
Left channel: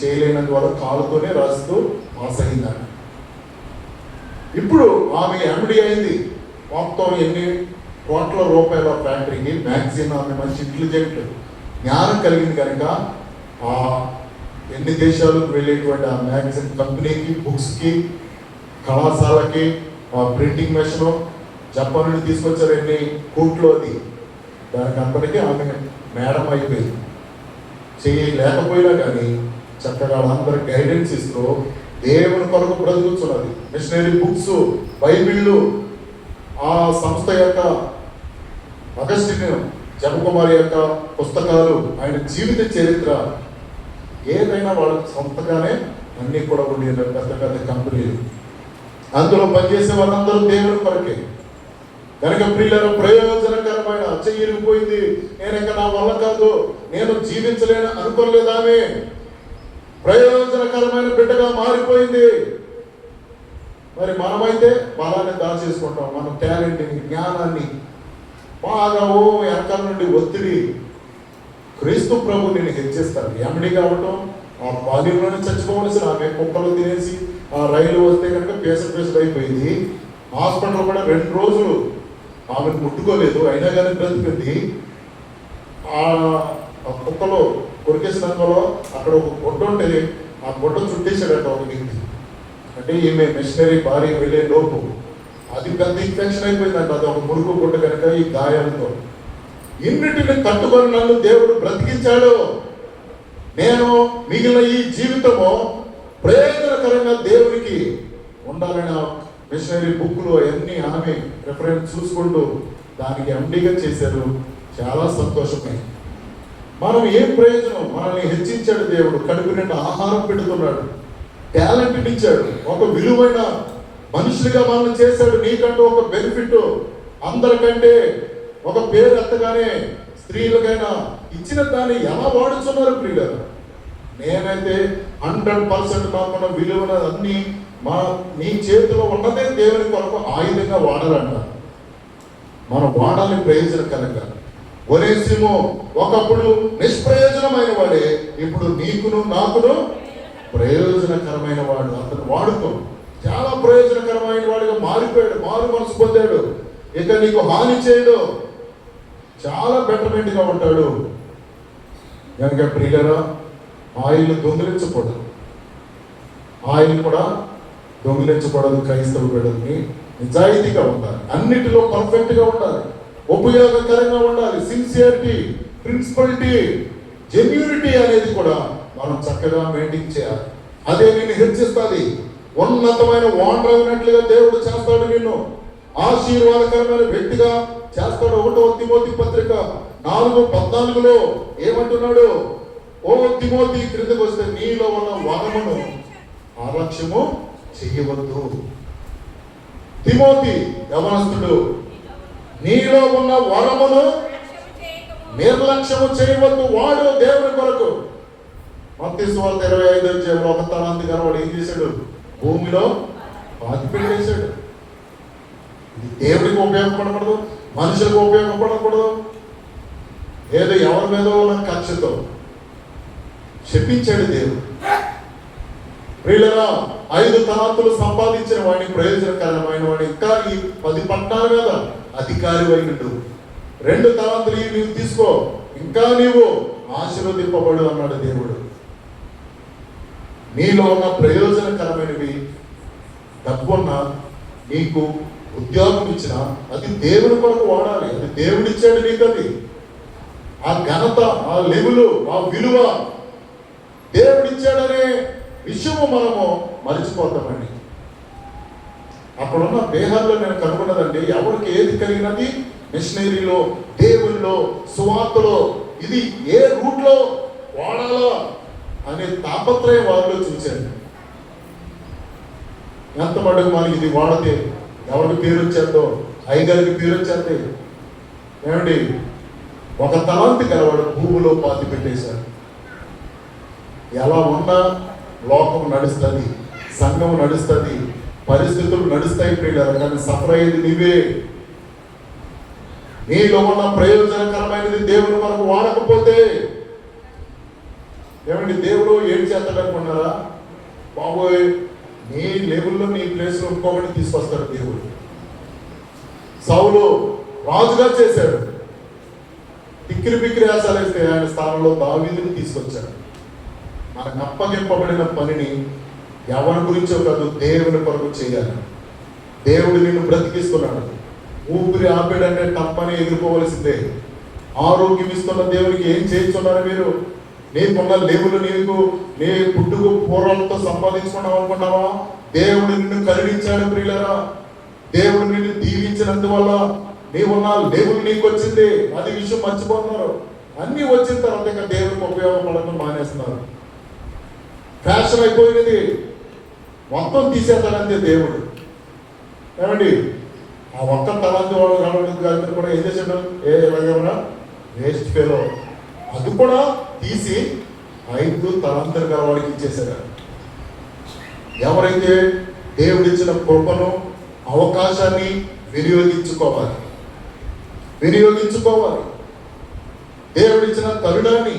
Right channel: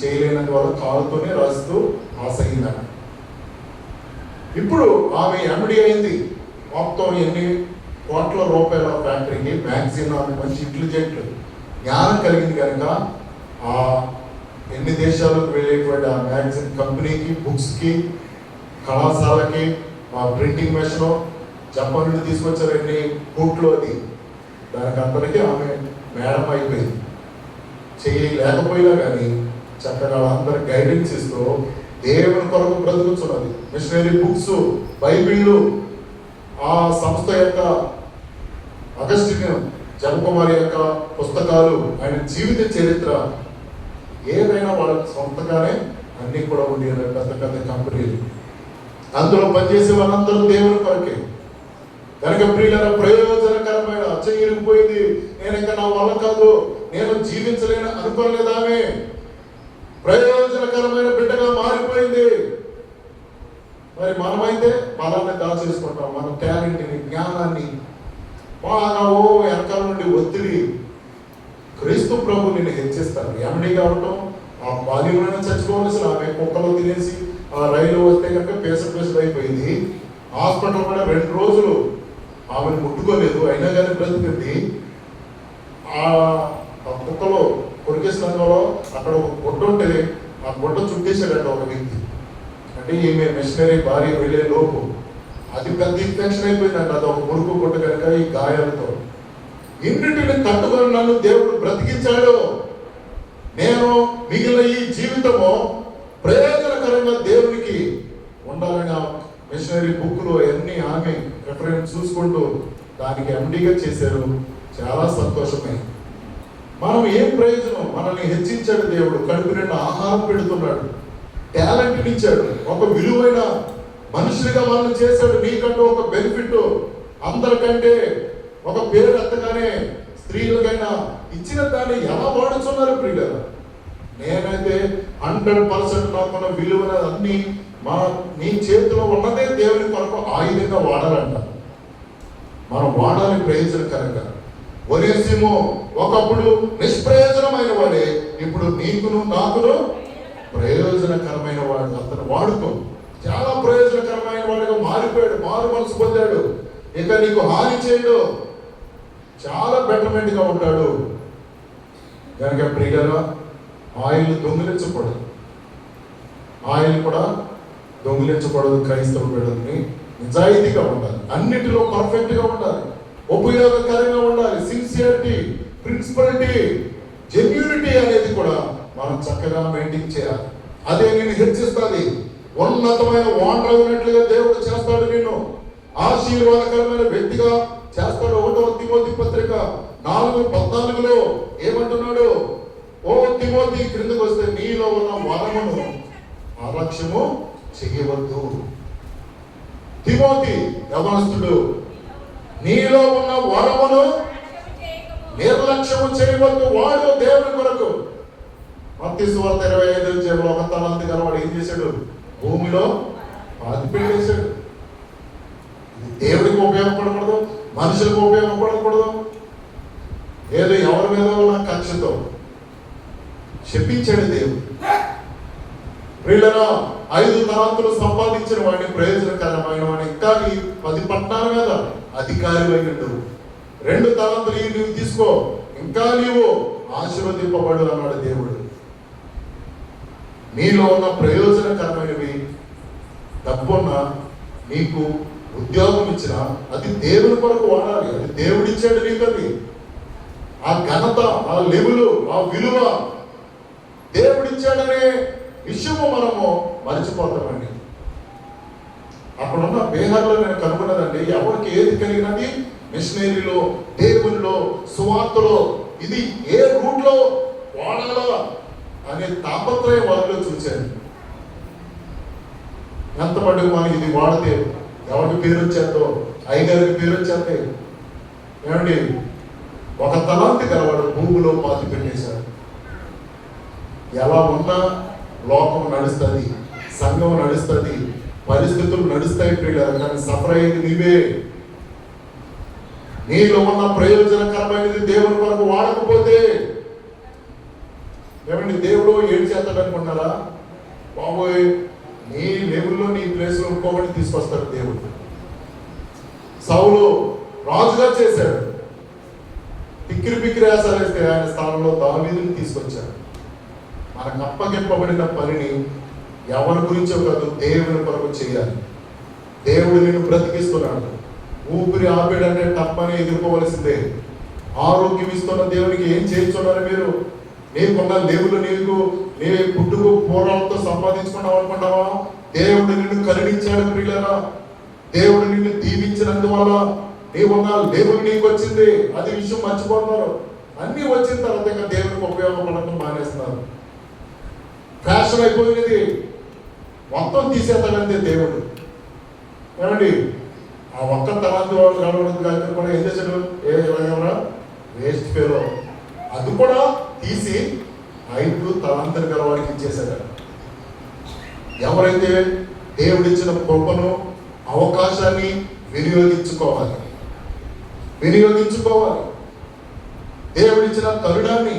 చేయలేనంత వరకు కాలుతోనే రాస్తూ పాస్ అయిందంట. ఇప్పుడు ఆమె ఎండి అయింది. మొత్తం ఎన్ని కోట్ల రూపాయల ఫ్యాక్టరీకి మ్యాగజైన్, ఆమె మంచి ఇంటెలిజెంట్ జ్ఞానం కలిగింది కనుక ఆ ఎన్ని దేశాలకు వెళ్ళేటువంటి ఆ మ్యాగజైన్ కంపెనీకి, బుక్స్కి, కళాశాలకి, ప్రింటింగ్ మెషిన్ జపాన్ నుండి తీసుకొచ్చారు ఎన్ని కోట్లు, అది దాని కంపెనీకి ఆమె మేడం అయిపోయింది. చేయలేకపోయినా కానీ చక్కగా అందరికి గైడెన్స్ ఇస్తూ దేవుని కొరకు బ్రతుకుతున్నది. మిషనరీ బుక్స్, బైబిళ్ళు, ఆ సంస్థ యొక్క అగస్టిన్ జపకుమారి యొక్క పుస్తకాలు, ఆయన జీవిత చరిత్ర, ఏదైనా వాళ్ళ సొంతగానే అన్నీ కూడా ఉండేది. పెద్ద పెద్ద కంపెనీలు, అందులో పనిచేసే వాళ్ళందరూ దేవుని కొరకే కనుక ప్రియుల ప్రయోజనకరమైన చెయ్యిపోయింది. నేను ఇంకా నా వల్ల కాదు, నేను జీవించలేని అనుకోలేదామే, ప్రయోజనకరమైన బిడ్డగా మారిపోయింది. మరి మనమైతే బలాన్ని దాచేసుకుంటాం, మన టాలెంట్ని, జ్ఞానాన్ని బాగా వెనకాల నుండి ఒత్తిడి. క్రీస్తు ప్రభు నేను హెచ్చిస్తాను. ఎండి కావటం, ఆ బాల్యంలోనే చచ్చిపోవలసిన ఆమె కుక్కలో తినేసి ఆ రైలు వస్తే కనుక పేసర్ అయిపోయింది. హాస్పిటల్ కూడా 2 రోజులు ఆమెను ముట్టుకోలేదు, అయినా కానీ బ్రతికింది. ఆ కుక్కలో కొరికేసినందులో అక్కడ ఒక గుడ్డ ఉంటే ఆ గుడ్డ చుట్టేసాడట ఒక వ్యక్తి. అంటే ఈమె మిషనరీ భార్య వెళ్ళే లోపు అది పెద్ద ఇన్ఫెక్షన్ అయిపోయిందంట, అది ఒక మురుకు గుడ్డ కనుక ఈ గాయాలతో. ఇన్నిటిని కట్టుకొని నన్ను దేవుడు బ్రతికించాడు. నేను మిగిలిన ఈ జీవితము ప్రయోజనకరంగా దేవునికి ఉండాలని మిషనరీ బుక్లు అన్నీ ఆమె రిఫరెన్స్ చూసుకుంటూ దానికి ఎండిగా చేశారు. చాలా సంతోషమే. మనం ఏం ప్రయోజనం? మనల్ని హెచ్చించాడు దేవుడు, కడుపు నిండా ఆహారం పెడుతున్నాడు, టాలెంట్ ఇచ్చాడు, ఒక విలువైన మనుషులుగా మనం చేశాడు. నీకంటూ ఒక బెనిఫిట్, అందరికంటే ఒక పేరు ఎత్తగానే స్త్రీలకైనా ఇచ్చిన దాన్ని ఎలా వాడుతున్నారు ప్రియులు? నేనైతే 100% నాకున్న విలువైన అన్ని నీ చేతిలో ఉన్నదే దేవుని కొరకు ఆయుధంగా వాడాలంట. మనం వాడాలి ప్రయోజనకరంగా. ఒనేసిమో ఒకప్పుడు నిష్ప్రయోజనమైన వాడే, ఇప్పుడు నీకును నాకును ప్రయోజనకరమైన వాడు. అతను వాడుతూ చాలా ప్రయోజనకరమైన వాడిగా మారిపోయాడు, మారు మనసు పొందాడు. ఇక నీకు హాని చేయడు, చాలా బెటర్మెంట్ గా ఉంటాడు. కనుక ప్రియులరా, ఆయిల్ దొంగిలించకూడదు, ఆయిల్ కూడా దొంగిలించకూడదు. క్రైస్తవ బిడ్డలని నిజాయితీగా ఉండాలి, అన్నిటిలో పర్ఫెక్ట్ గా ఉండాలి, ఉపయోగకరంగా ఉండాలి. సిన్సియరిటీ, ప్రిన్సిపలిటీ, జెన్యూనిటీ అనేది కూడా మనం చక్కగా మెయింటైన్ చేయాలి. అదే నేను హెచ్చిస్తుంది. ఉన్నతమైన వాండ్రగినట్లుగా దేవుడు చేస్తాడు, నిన్ను ఆశీర్వాదకరమైన వ్యక్తిగా చేస్తాడు. 1వ తిమోతి పత్రిక 4:14 ఏమంటున్నాడు? ఓ తిమోతి, క్రిందకు వస్తే నీలో ఉన్న వరమును అలక్ష్యము చెయ్యవద్దు. తిమోతి యవనస్తుడు, నీలో ఉన్న వరమును నిర్లక్ష్యము చేయవద్దు, వాడు దేవుని కొరకు. మత్తయి సువార్త 25 ఒక తలాంతు కలవాడు ఏం చేశాడు? భూమిలో పాతిపెట్టేశాడు. ఇది దేవుడికి ఉపయోగపడకూడదు, మనుషులకు ఉపయోగపడకూడదు, ఏదో ఎవరి మీద ఉన్న కక్షతో శపించాడు దేవుడు. ప్రియులారా, 5 తలాంతులు సంపాదించిన వాడిని, ప్రయోజనకరమైన వాడిని, ఇంకా ఈ 10 పట్టణాల మీద అధికారి అయినట్టు 2 తలాంతులు నీవు తీసుకో, ఇంకా నీవు ఆశీర్వదింపబడు అన్నాడు దేవుడు. నీలో ఉన్న ప్రయోజనకరమైనవి డబ్బున్నా, నీకు ఉద్యోగం ఇచ్చినా అది దేవుని కొరకు వాడాలి. అది దేవుడిచ్చాడు నీకు. అది ఆ ఘనత, ఆ లెవెలు, ఆ విలువ దేవుడిచ్చాడనే విషయము మనము మర్చిపోతామండి. అక్కడున్న బేహార్లో నేను కనుగొన్నదండి, ఎవరికి ఏది కలిగినది మిషనరీలో, దేవుల్లో, సువార్తలో ఇది ఏ రూట్లో వాడాలా అనే తాపత్రయం వారిలో చూశాను. ఎంత మటుకు మనకి ఇది వాడితే ఎవరికి పేరు వచ్చేదో, అయ్యగారికి పేరు వచ్చేది. ఏమండి, 1 తలాంతి గలవాడు భూమిలో పాతి పెట్టేశాడు. ఎలా ఉన్నా లోకం నడుస్తుంది, సంఘం నడుస్తుంది, పరిస్థితులు నడుస్తాయి ప్రియులారా, కానీ సఫర్ అయ్యేది నీవే. నీలో ఉన్న ప్రయోజనకరమైనది దేవుని మనకు వాడకపోతే ఏమండి, దేవుడు ఏం చేస్తాడు అనుకున్నారా? బాబోయ్, నీ లెవెల్లో నీ ప్లేస్లో ఇంకొకటి తీసుకొస్తాడు దేవుడు. సౌలు రాజుగా చేశాడు, పిక్కిరి ఆసారేస్తే ఆయన స్థానంలో దావీదుని తీసుకొచ్చాడు. మనకు అప్పగింపబడిన పనిని ఎవరి గురించో కాదు, దేవుని కొరకు చేయాలి. దేవుడు నిన్ను బ్రతికిస్తున్నాడు. ఊపిరి ఆపేడంటే తప్పని ఎదుర్కోవలసిందే. ఆరోగ్యం ఇస్తున్న దేవునికి ఏం చేయించున్నారు మీరు? నీకున్న లెవెలు నీకు నీ పుట్టుకు పూర్వాలతో సంపాదించుకున్నావు అనుకున్నావా? దేవుడు నిన్ను కరుణించాడు ప్రియులారా. దేవుడు నిన్ను దీవించినందువల్ల నీవున్న లెవెల్ నీకు వచ్చింది. అది విషయం మర్చిపోతున్నారు. అన్ని వచ్చిన తర్వాత ఇంకా దేవునికి ఉపయోగపడటం మానేస్తున్నారు. ఫ్యాషన్ అయిపోయినది, మొత్తం తీసేస్తాడంతే దేవుడు. ఏమండి, ఆ 1 తలాంతి వాళ్ళు కలవడం కూడా ఏం చేశాడు? ఏమన్నా వేస్ట్ ఫెలో, అది కూడా తీసి 5 తలాంతులు గలవాడికి ఇచ్చేశాడు. ఎవరైతే దేవుడిచ్చిన కృపను, అవకాశాన్ని వినియోగించుకోవాలి. దేవుడిచ్చిన తరుణాన్ని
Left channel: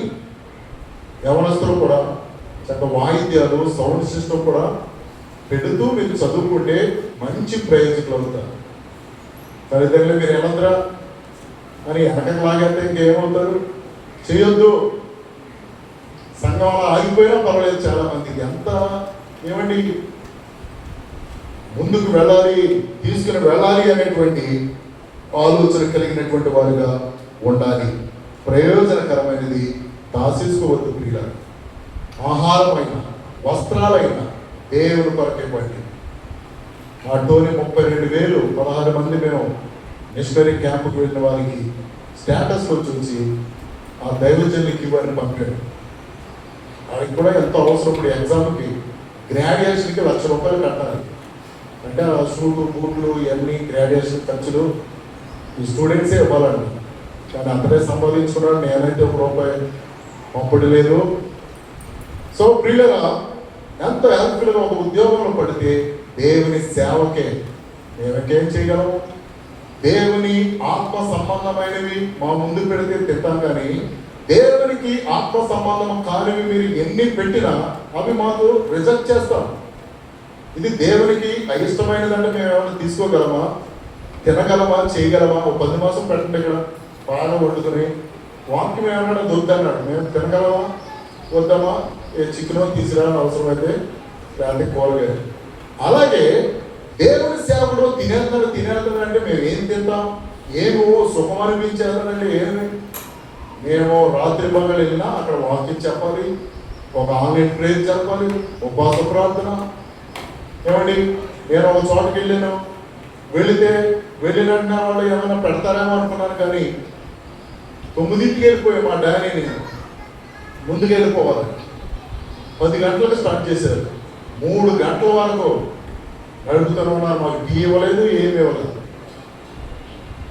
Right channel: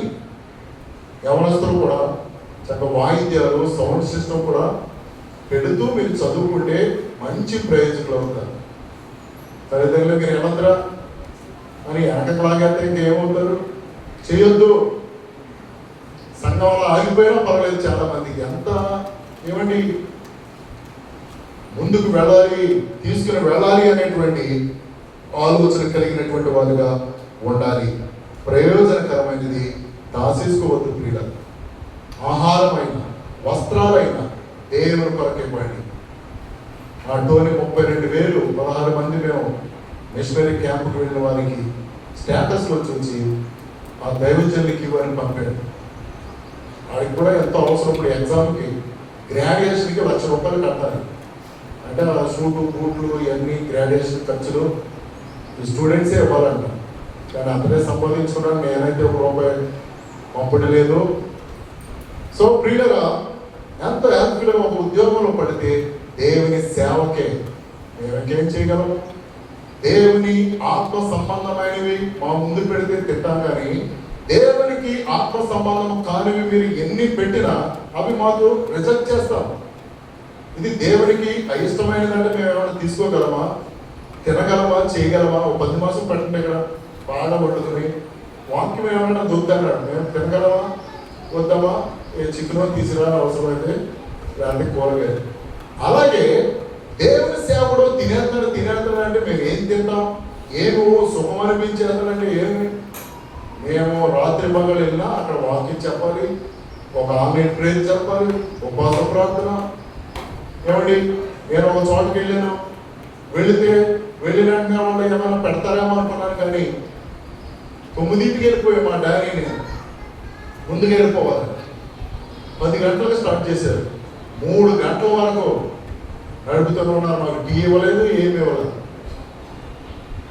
యవనస్తులు కూడా చక్కగా వాయిద్యాలు, సౌండ్ సిస్టమ్ కూడా పెడుతూ మీరు చదువుకుంటే మంచి ప్రయోజకులు అవుతారు. తల్లిదండ్రులు మీరు ఏమందరా అని వెనకకు లాగేస్తే ఇంకేమవుతారు? చేయొద్దు. సంఘంలో ఆగిపోయినా పర్వాలేదు. చాలా మందికి ఎంత ఏమండి ముందుకు వెళ్ళాలి, తీసుకుని వెళ్ళాలి అనేటువంటి ఆలోచన కలిగినటువంటి వారుగా ఉండాలి. ప్రయోజనకరమైనది దాచేసుకోవద్దు ప్రియులారా. ఆహారమైన, వస్త్రాలైన దేవుని కొరకే పడి. అటులోనే 32,000 16 మంది మేము మిషనరీ క్యాంపుకి వెళ్ళిన వారికి స్టేటస్లో చూసి ఆ దైవజన్యకి వారిని పంపాడు. అది కూడా ఎంతో అవసరం. ఇప్పుడు ఎగ్జామ్కి గ్రాడ్యుయేషన్కి ₹1,00,000 కట్టాలి అంటే ఆ షూటు, బూట్లు ఇవన్నీ గ్రాడ్యుయేషన్ ఖర్చులు ఈ స్టూడెంట్సే ఇవ్వాలండి. కానీ అతనే సంపాదించుకున్నాడు. నేనైతే ₹1 అప్పుడు లేదు. సో ప్రియులరా, ఎంతో హ్యాపీగా ఒక ఉద్యోగంలో పడితే దేవుని సేవకే మేమకేం చేయగలం? దేవుని ఆత్మ సంబంధమైనవి మా ముందు పెడితే తింటాం, కానీ దేవునికి ఆత్మ సంబంధం కానివి మీరు ఎన్ని పెట్టినా అవి మాకు రిజెక్ట్ చేస్తాం. ఇది దేవునికి అయిష్టమైనదంటే మేము ఏమైనా తీసుకోగలమా, తినగలమా, చేయగలమా? 10 మాసం పెట్టండి ఇక్కడ బాగా వండుకొని వాక్యం ఏమైనా దొద్దన్నాడు, మేము తినగలమా వద్దామా? చికెన్ తీసుకురా అవసరమైతే, లేకపోతే కూరగాయలు. అలాగే దేవుని సేవలో తినేస్తాడు అంటే మేము ఏం తింటాం? ఏమో సుఖం అనిపించేస్తాడంటే ఏమి? మేము రాత్రి పగలు వెళ్ళినా అక్కడ వాక్యం చెప్పాలి, ఒక ఆన్లైన్ ప్రేయర్ చెప్పాలి, ఉపవాస ప్రార్థన. ఏమండి, నేను ఒక చోటకి వెళ్ళిన వాళ్ళు ఏమైనా పెడతారేమో అనుకున్నాను, కానీ 9ంటికి వెళ్ళిపోయి మా డాడీని ముందుకు వెళ్ళిపోవాలి. 10 గంటలకు స్టార్ట్ చేశారు. 3 గంటల వరకు నడుపుతున్నారు. మాకు టీ ఇవ్వలేదు, ఏమి ఇవ్వలేదు.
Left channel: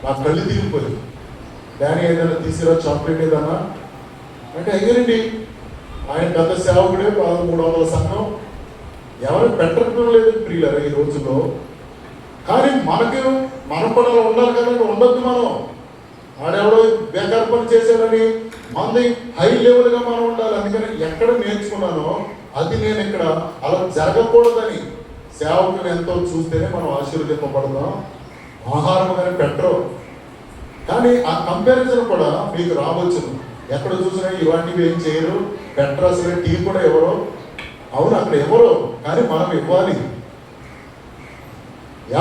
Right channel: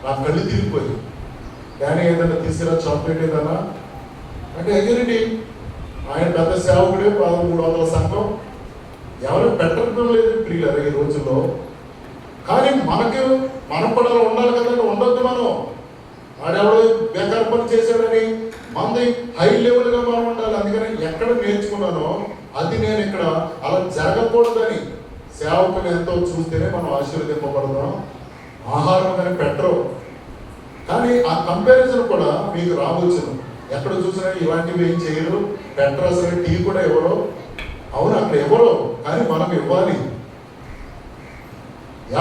నా కళ్ళు తిరిగిపోయింది. డాడీ ఏదైనా తీసుకురా, చాక్లెట్ ఏదైనా అంటే అయ్యారండి. ఆయన పెద్ద సేవకుడే, 1300 సంఘం. ఎవరు పెట్టడం లేదు ప్రియులారా. ఈ రోజుల్లో కానీ మనం కూడా అలా ఉండాలి కదా, ఉండొద్దు. మనం ఆడెవడో బేకార్ పని చేశాడని మంది హై లెవెల్గా మనం ఉండాలి. అందుకని ఎక్కడ నేర్చుకున్నానో అది నేను ఇక్కడ అలా జరగకూడదని సేవకులు ఎంతో చూస్తేనే మనం ఆశీర్వదింపబడుతున్నాం. ఆహారం అని పెట్టరు, కానీ ఆ కంపారిజన్ కూడా మీకు రావచ్చు. ఎక్కడ చూసినా ఇలాంటివి ఏం చేయరు, పెట్టరు, అసలు టీ కూడా ఎవరో. అవును, అక్కడ ఎవరో, కానీ మనం ఇవ్వాలి.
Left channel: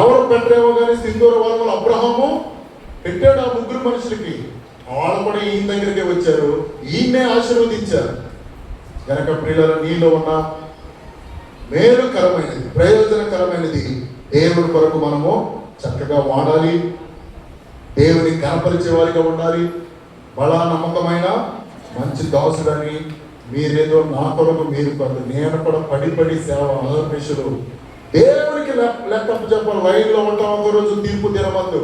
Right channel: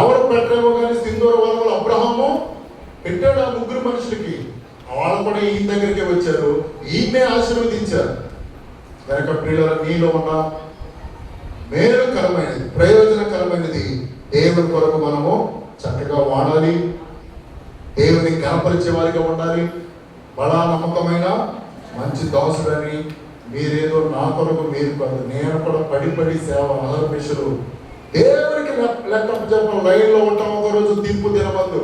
ఎవరు పెట్టరేమో కానీ సింధూర వాళ్ళు అబ్రహాము పెట్టాడు ఆ ముగ్గురు మనుషులకి. వాళ్ళు కూడా ఈయన దగ్గరికి వచ్చారు, ఈయన్నే ఆశీర్వదించారు. కనుక ప్రియులారా, నీలో ఉన్న మేలుకరమైనది, ప్రయోజనకరమైనది దేవుడి కొరకు మనము చక్కగా వాడాలి. దేవుని కనపరిచే వారిగా ఉండాలి. బలా నమ్మకమైన మంచి దాసుడని మీరేదో నా కొరకు మీరు కాదు, నేను కూడా పడి సేవ అహర్నిశలు దేవునికి లెక్క చెప్పాలి. లైన్లో ఉంటాం. ఒకరోజు తీర్పు దినమందు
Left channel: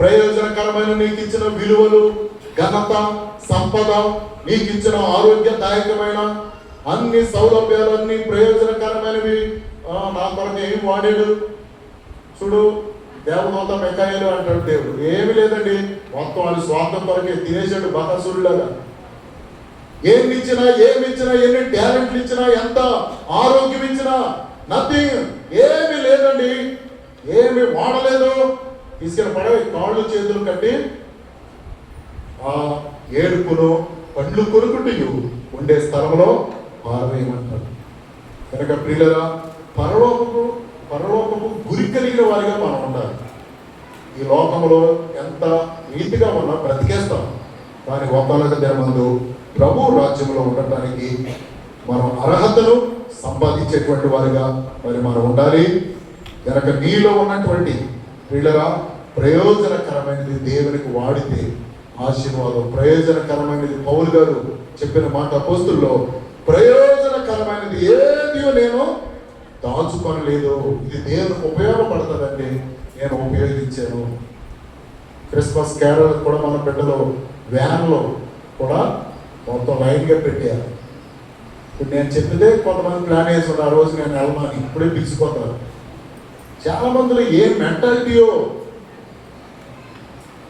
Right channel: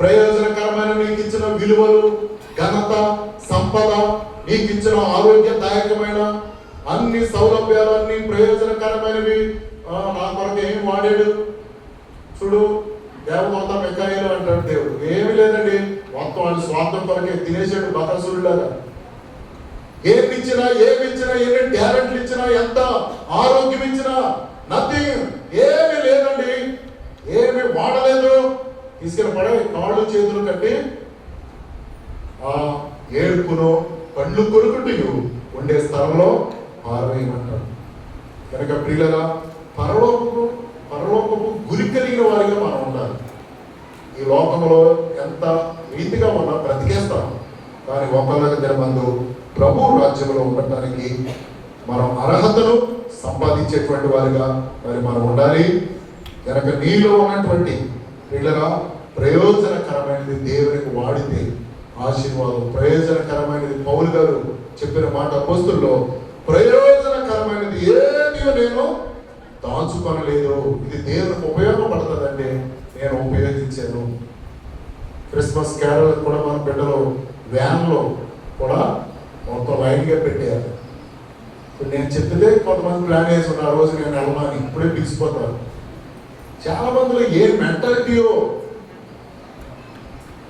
ప్రయోజనకరమైన నీకు ఇచ్చిన విలువలు, ఘనత, సంపద, నీకు ఇచ్చిన ఆరోగ్యదాయకమైన అన్ని సౌలభ్యాలన్నీ ప్రయోజనకరమైనవి నా కొరకు ఏమి వాడాడు చూడు. దేవదూత మెకాయిలు అంటాడు దేవుడు. ఏమి లేదండి, మొత్తం వాడి స్వార్థం కొరకే తినేసాడు బతాసురులాగా. ఏమి ఇచ్చినా, ఎన్ని టాలెంట్లు ఇచ్చినా, ఎంత ఆరోగ్యం ఇచ్చినా నథింగ్, ఏమి లేదండి, ఏమి వాడలేదు. తీసుకెళ్ళి పడే కాళ్ళు చేతులు కట్టి ఆ ఏడుపును కళ్ళు కొనుక్కుంటూ ఉండే స్థలంలో పారవేయమంటారు. కనుక ప్రియులరా, పరలోకపు గురి కలిగిన వారిగా మనం ఉండాలి. ఈ లోకంలో ఎంత రీతిగా ఉన్నా బ్రతికేస్తాం, కానీ ఒకళ్ళకి దినమందు ప్రభు రాజ్యంలో ఉండటానికి మనం అర్హతలు సంపాదించేటువంటి వారిగా మనం ఉండాలి. కనుక నీలో ఉన్నటువంటి ప్రియులరా, ప్రయోజనకరమైనది దేవునికి వాడితే ఆశీర్వాదం. ప్రయోజనకరమైనది పౌలు గారు చెప్పిన మాట అపోస్తుల్లో, ప్రయోజనకరమైనది ఏది నేను దాచుకొనలేదు, ఇది దేవునికి ఉపయోగపడుతుందండి, నేను ఉపయోగించాను. క్రిస్మస్ క్యారల్ కూడా మన బిడ్డలు వ్యాన్లో కూడా మొత్తం లైన్గా పెట్టారు. నేను చెప్పితే కొంతమంది ప్లాన్ చేస్తున్నారు, ఆ రోజు నేను వెళ్ళమని, ఇప్పుడే పిలిచిపోతారు. చాలా మందిలో ఏ మెంటాలిటీయో.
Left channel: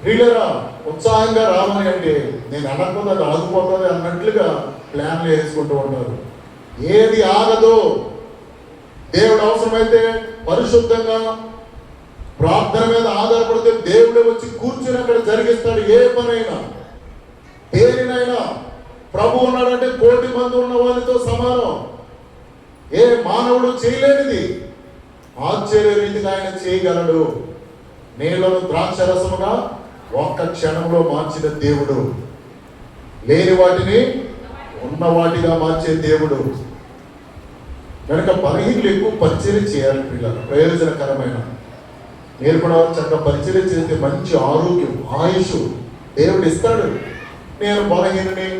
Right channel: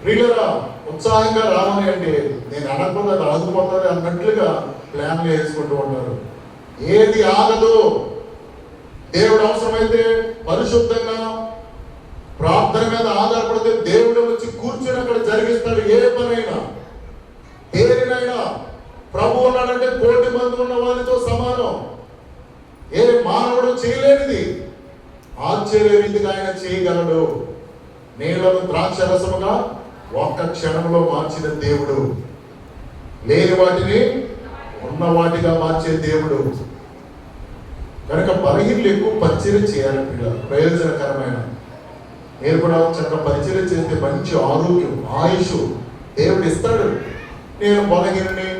ప్రియులరా, ఉత్సాహంగా రామని అంటే నేను అనకపోతే అది ఆగిపోతుంది అన్నట్లుగా ప్లాన్లు వేసుకుంటూ ఉంటారు. ఏది ఆగదో. దేవుడు అవసరమైతే పరిశుద్ధంగా ప్రార్థన మీద ఆధారపడితే దేవుడు వచ్చి కూర్చుని అక్కడ జరిగిస్తాడు. ఏ పనైనా, దేనినైనా. ప్రభు ఉన్నాడంటే 1,000,000 మంది ఉన్న వారితో సమానం. ఏ మానవుడు చేయలేనిది ఆశ్చర్య రీతిగా ఆయన చేయగలడు. నీళ్లను ద్రాక్షరసముగా ఒక్క క్షణంలో మార్చిన దేవుడు, లేని వాటిని ఉన్న వాటిగా మార్చే దేవుడు. కనుక బలహీనలు ఎక్కువ పరిచయం చేయాలి పిల్లలు, ప్రయోజనకరమైన. మీరు కూడా చక్కగా పరిచయం చేస్తే మంచి ఆరోగ్యం, ఆయుష్ దేవుడు ఇస్తాడు. నేను బలహీనని,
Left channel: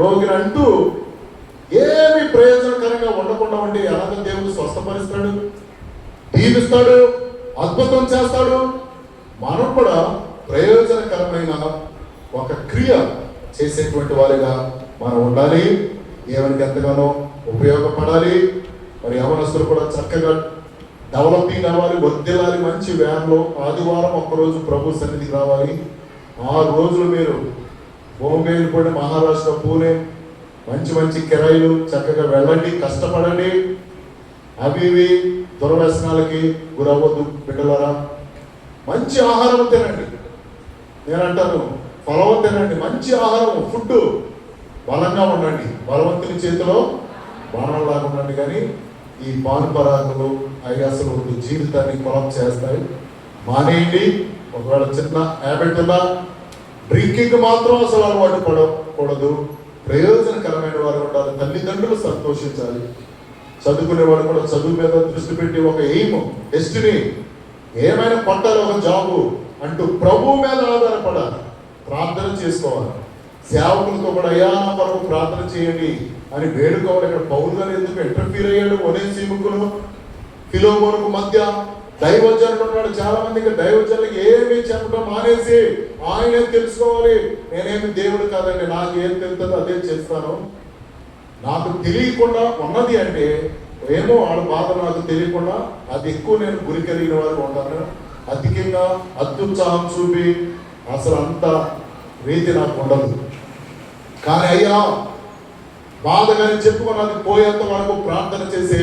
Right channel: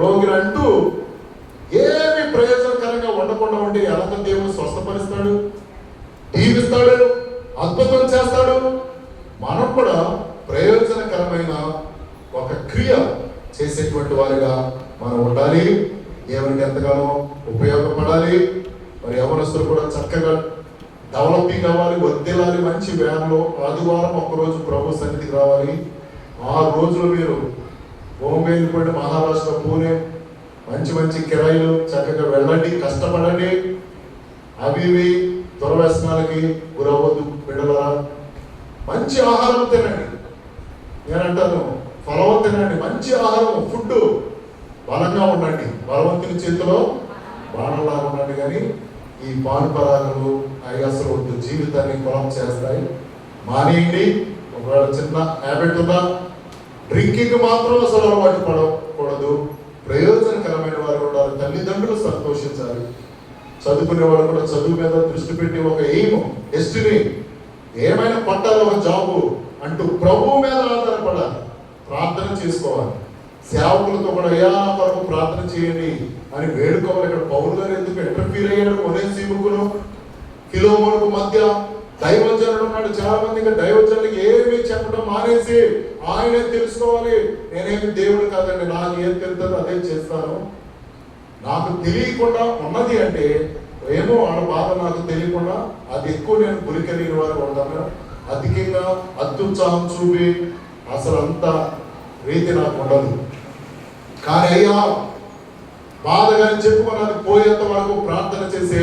రోగిని అంటూ ఏమి ప్రయోజనకరంగా ఉండకుండా ఉండి అలాగే దేవుడు స్వస్థపరుస్తాడు, దీవిస్తాడు, అద్భుతం చేస్తాడు. మనం కూడా ప్రయోజనకరమైన ఒక క్రియ చేసేటువంటి వారిగా మనం ఉండాలి. దేవునికి ఎంతగానో ఉపయోగపడాలి. మరి యవనస్తులు కూడా చక్కగా డెవలపింగ్ అవ్వాలి, వర్దిల్లాలి. మంచి వ్యాన్లో ఆదివారం ఒకరోజు ప్రభు సన్నిధికి రావాలి. 6 రోజులు మీరు బాంబే వెళ్ళిపోయి మహారాష్ట్ర, పూణే, మంచి కిరాయిలు చక్కగా వెళ్ళండి, కష్టపడండి. అవి ఇవి దుర్వ్యసనాలకి గురవద్దు బిడ్డలారా. మంచి ఆహారం తినండి. నేను అంటాను, ఫలం తినండి, మంచి ఆహారం, ఫుడ్. బలంగా ఉండండి, బలవంతుని చేతిలో బాణంలాగా ఉండండి. కానీ ఈ పానుపరాగలు అసలు జీవితాన్ని కాప్ చేస్తాయి. మానేయండి. ఒకవేళ చిన్న హ్యాబిట్ ఉన్నా డ్రింకింగ్ మాత్రం అసలు అలవాటు పడకూడదు. ప్రయోజనకరమైన వారు ఉండాలి. తల్లిదండ్రులు సంతోషించాలి. చదువుకునే వారు కూడా చదువు మీద దృష్టి పెట్టి ఒక ఎయిమ్, డెస్టినీ, ఏమైనా కొట్టాలి, ఒక జాబు అంటూ ప్రభు మీద ఆధారపడాలి. ప్రార్థన చేసుకోవాలి. సేవకులతో కూడా అయ్యా నా కొరకు ప్రార్థన చేయండి అని వేడుకోవాలి. ఇక్కడ పౌలు గారు ఎందుకు ఇంటర్ఫీర్ అయ్యాడు? ఒనేసిముకును ఫిలోమోనుకు మధ్య దైవజనుడు ఉన్నాడు. చాలా మందికి దైవజనులకి ఏమి చెప్పడం మానేసి ఆయనే తెలుసుకోవాలి. నేనేమి దేవుడు కాదండి, నాకు ఏం తెలుస్తుందో అదే చేస్తాను. నాకు తెలియకుండా ఉన్నది అంటే ఏమో వాళ్ళ బాధ నాకు తెలియకుండా అది ఎక్కువ నేను గురి కలిగిన వారు ఉంటాను. అధికంగా అత్యుత్సాహం చూపి అసలు అంత రీతి నాకు ఉండదు. కానీ అయ్యా బాధగానే చెప్పుకోవడానికి పోయేంత వరకు ప్రార్థన చేసే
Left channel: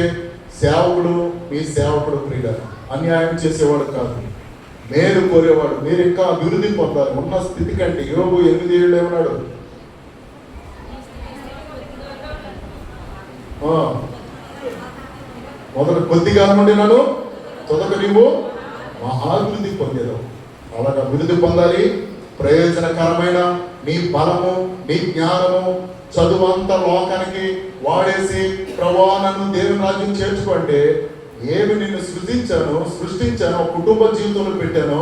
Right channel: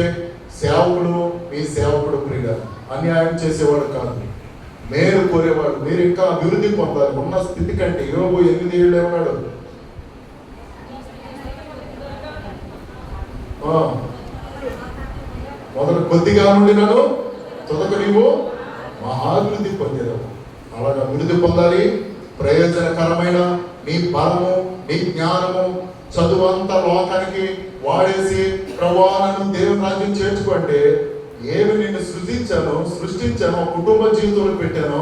సేవకుడు మీ సేవకుడు ప్రియుడ, అన్యాయం చేసేవాడు కాదు, మేలు కోరేవాడు. మీరు ఇంకా అభివృద్ధి పొందాలి. ఉన్న స్థితి కంటే యోబు 8:7 ఏమన్నాడు? మొదలు కొద్దిగా నుండి నన్ను తొదక నీవు మహాభివృద్ధి పొందేదావు. అలాగే అభివృద్ధి పొందాలి. ప్రయోజనకరమైన నీ బలము నీ జ్ఞానము చదువు అంతా లోకానికి వాడేసి ప్రభువా నన్ను దేవుని రాజ్యం చేర్చుకుంటే ఏమి నేను సృష్టించాను, కుటుంబ జీవితంలో పెట్టాను,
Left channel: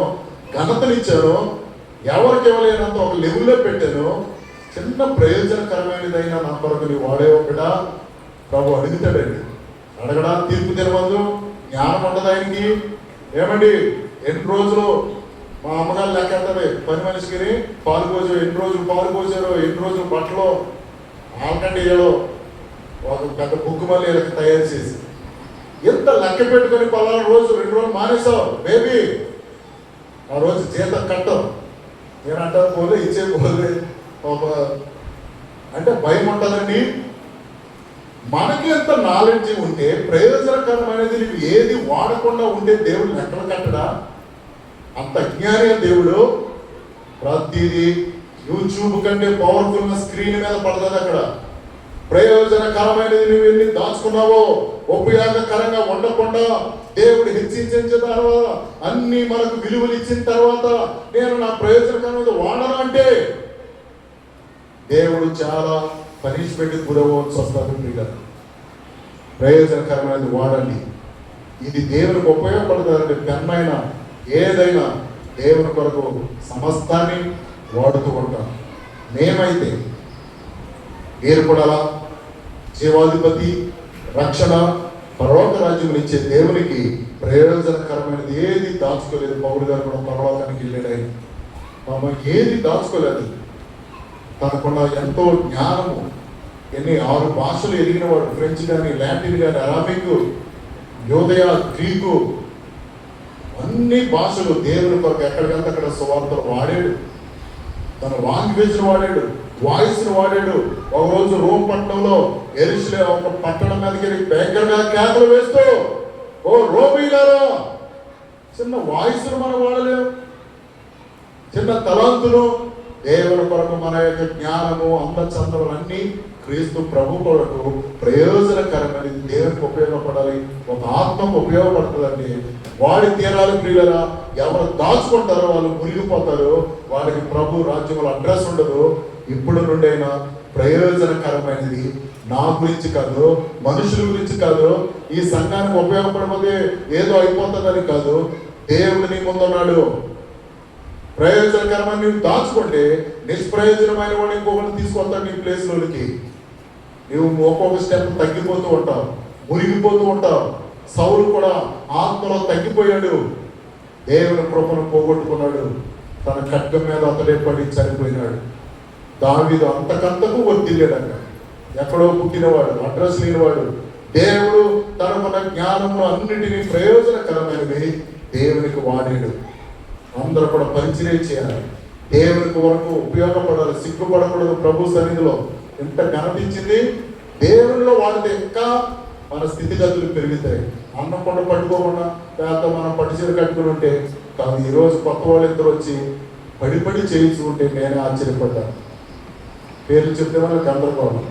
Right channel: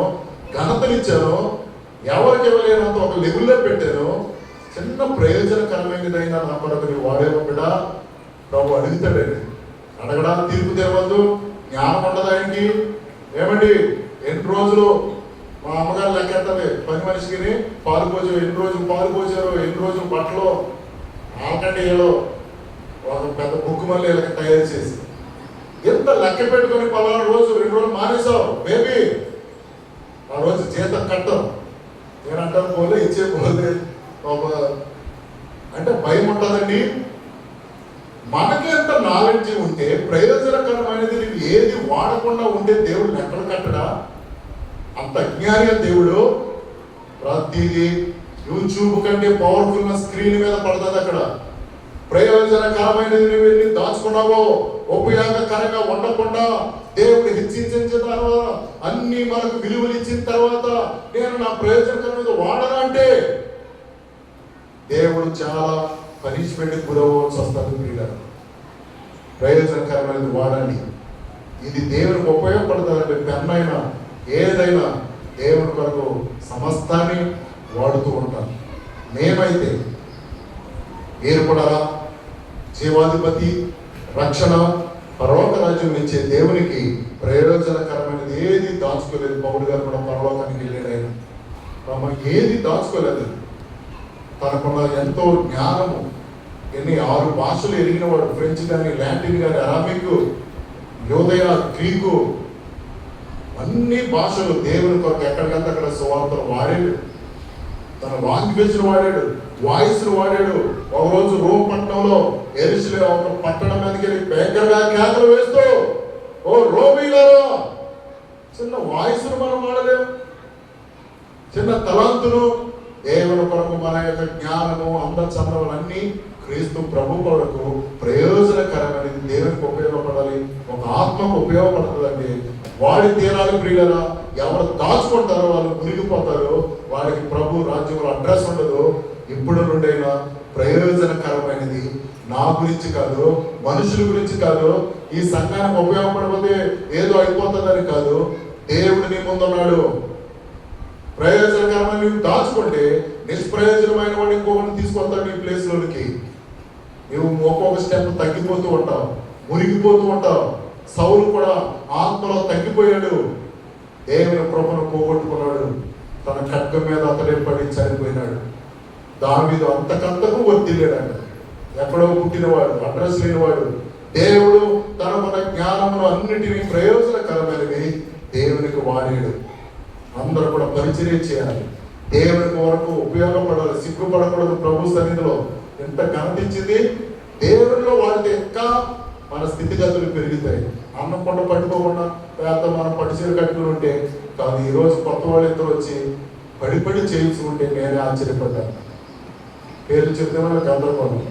ఘనతనిచ్చాను, ఎవరికి ఇవ్వలేనంత ఒక లెవెల్లో పెట్టాను, చిన్న ప్రయోజనకరమైనదైనా నా కొరకు నీవు వాడే ఒకడా ప్రభు అడుగుతాడండి. అడగడా తీర్పు తెరవద్దు. జ్ఞానం ఉండదు ఆయనకి. ఏమండి ఎన్ని రోజులు మా అమ్మగారు లెక్కెత్తమే పని మనిషికి పాలు పోసారు, ఎన్ని రోజులు పాలు పోసారు, ఎన్ని రోజులు బట్టలు ఆకండి ఏదో ఒక పెద్ద బుక్ మళ్ళీ తయారు చేసి ఎంత లెక్క పెట్టుకుని 16 రోజులు 2 రోజులు మానేసావు బేబీ, ఆ రోజు జీతం కట్టం నేనంటారు పోలే ఇచ్చే పోలే అంటే భయం ఉంటుందండి. మనకి ఎంత నాలెడ్జ్ ఉంటే ప్రయోజనకరమైనది నీకు ఏది వాడకుండా ఉంటే దేవుడు లెక్కలు కట్టడా? అంత అజ్ఞాని దేవుడు. ప్రతిదీ యూట్యూబ్ కంటే పవర్ఫుల్ స్క్రీన్ మీద పడుతుంది. అక్కడ ప్రయోజనకరమైనది నువ్వు ఎన్ని దాచుకున్నావో, ఉపయోగకరంగా ఉండకుండా దేవుడు హెచ్చించిన తర్వాత అన్ని మనకు విలువలు ఇచ్చిన తర్వాత నేను నా ప్రయోజనకరమైనది వాడాలంటే దేవుడు చాలా పనిష్మెంట్ గురవ్వాల్సి వస్తుంది. మీరు ప్రయోజనకరమైనది వాడండి. ఇది దేవునికి ఉపయోగపడుతుందంటే పెన్నైనా ఏదైనా దేవుని కొరకు సమస్తాన్ని వాడుతూ ఉంటాం. మేమైతే మీరు కూడా జీవాధిపతి రక్షణ పరలోక రాజ్యం ఇచ్చే దేవునికి ప్రయోజనకరమైనది ఏది దాచుకోలేదు. పౌలు గారు కూడా పరలోకానికి వెళ్ళాడు. ఆయన ఏది దాచుకోలేదు. తనకున్న ఎంతో జ్ఞానము, ఎన్ని 6 భాషలు ఎరిగిన వాడు, ఫ్రెంచ్ కానీ లాటిన్ కానీ అరాబిక్ యోదయ గ్రీకు అన్ని భాషలు దేవుని కొరకు ఎక్కడికంత అక్కడ సువార్తను వాడాడు. తన లాంగ్వేజ్ను వాడాడు, వాయిస్ను వాడాడు. ఒకరోజు రోమ్ పట్టణంలో యెరూషలేము ఒక పట్టణం మీదకి భయంకరంగా కేకలు వేస్తూ ఓ రోమీలారా, చిన్న వాయిస్ను మనం వాడలేము, చిన్న తలాంతులు దేవుని కొరకు మన యొక్క జ్ఞానము అందచందనం అన్ని క్రీస్తు ప్రభు కొరకు ప్రయోజనకరమైనది దేవునికి ఉపయోగపడాలి, ఒక ఆత్మకు ఉపయోగపడుతుందండి. వాడి తీరాలు ప్రియులరా. ఎవరు దాచుకుంటారో వాళ్ళు మురిగిపోతారు. వారికి ప్రభు రాజ్యంలో అడ్రస్ ఉండదు. ఇప్పుడు నుండైనా ప్రయోజనకరమైనది నా గురించి కాదు, మనుషుల గురించి కాదు, ఈ సంఘానికి ఉపయోగపడకపోతే ఏదో అయిపోతుందని కాదు, దేవుడిని ముందున్నాడు. ప్రయోజనకరమైన నువ్వు దాచుకుంటే నిష్ప్రయోజనమైన వాడు ఇంకొకరిని తీసుకొస్తాడు నీ ప్లేస్లోనికి. నువ్వు ఒక్కొక్క స్టెప్ తగ్గిపోతూ ఉంటావు, మురిగిపోతూ ఉంటావు. సౌలు కూడా ఆత్మలో తగ్గిపోయాడు, దేవుని కృపను పోగొట్టుకున్నాడు, తన ఖడ్గం మీద అతడే పడి చనిపోయినాడు. దావీదు అంతకంతకు వర్తిల్లాడు. ఎక్కడో పుట్టినవాడు, అడ్రస్ లేనివాడు. దేవుడు తనకున్న జ్ఞానమును అన్నిటినీ ప్రయోజనకరమైనవి దేవునికి వాడాడు. అందరూ కూడా పరిచయం చేయాలి, దేవునికి వరకు ఉపయోగపడాలి, సిగ్గుపడకూడదు. ప్రభు సన్నిధిలో ఎంత ఘనతించింది దేవుడిలో వాడితే ఇంకా మన స్థితిగతులు పెరుగుతాయి. అన్నం కూడా పట్టుకోకుండా పేద మనం పడిచీర కట్టుకుని ఉంటే కాదు. ఈరోజు కొత్త వాళ్ళు ఇద్దరు వచ్చి పడి చేయించుకుంటే నేనే ఆశ్చర్యపడ్డాను. పేర్లు చెప్తే వాళ్ళకి గందరగోళం.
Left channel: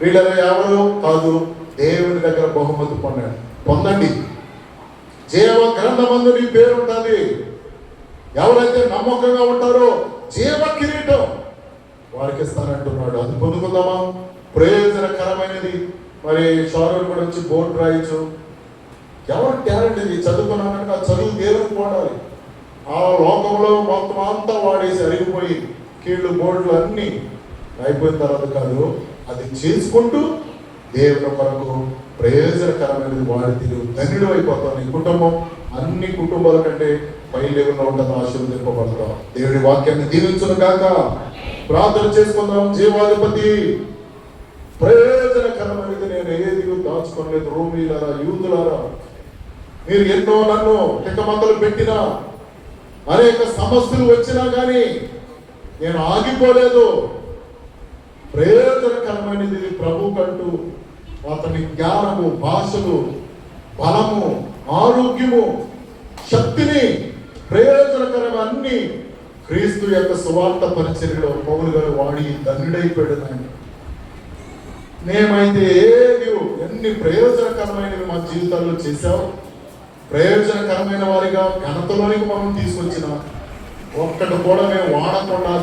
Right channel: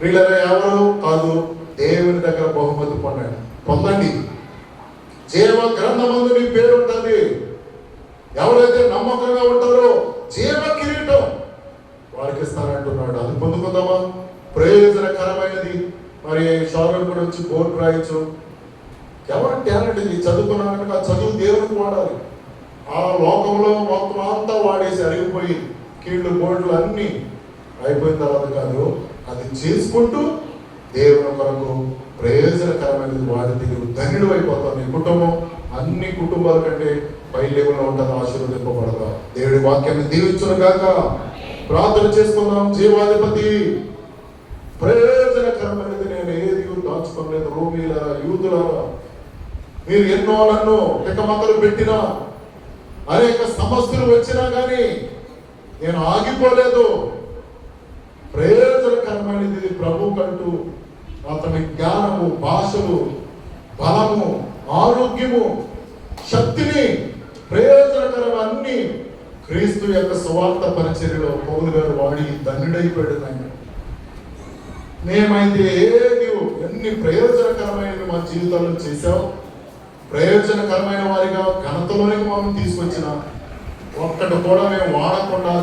వీళ్ళ ఎవరు కాదు, దేవుని దగ్గర బహుమతి పొందండి. జీవ గ్రంథమందు నీ పేరు ఉంటుంది. ఎవరైతే నమ్మకంగా ఉంటారో జీవ కిరీటం వారికి ఇస్తానంటున్నాడు. అది పొందుకుందామా? ప్రయోజనకరమైనది. మరి షారోన్ కూడా వచ్చి బోర్డు రాయొచ్చు. ఎవరి టాలెంట్ ఇది? చదువుకున్నాను కనుక చదువు దేవునికి వాడాలి. ఆ లోకంలో మొత్తం అంతా వాడేసి అరిగిపోయి కీళ్ళు బోర్డులు అన్నీ అయిపోయిన తర్వాత కాదు, అది చేసుకుంటూ దేవుని కొరకు ప్రయోజనకరమైనది వాడితే ధన్యుడు అయిపోతావు. నీ కుటుంబం అన్ని కుటుంబాల కంటే పై లెవెల్లో ఉంటుంది, ఆశీర్వదింపబడతా. దేవుడి వాక్యాన్ని దీవించును గాక. ప్రార్థన చేసుకుందాం. జీవాధిపతి ప్రయోజనకరమైనది నేను ఏది దాచుకోలేదు. రోమీల యూదులారా మీరు ఎన్నో నన్ను తిక్కమతలు పెట్టినా, అనేక సమస్యలు వచ్చినా కానీ నేను ఆగిపోలేదు. ప్రయోజనకరమైనది ప్రభు కంటూ అతని జ్ఞానము, భాషలు, బలము, ఆరోగ్యము, శక్తిని, ప్రయోజనకరమైన అన్ని క్రీస్తు యొక్క సువార్త పరిచర్యలో పౌలు గారు వాడి ధన్యుడైపోయాడు. ఆయన మేమైతే నీవు ఎన్ని ప్రయోజనకరమైనవి మా జీవితాల్లో చేశావు, ప్రయోజనకరమైన వారిగా ఘనతలోనికి మనం తీసుకొచ్చిన ఒక్కటి కూడా మేము వాడకుండా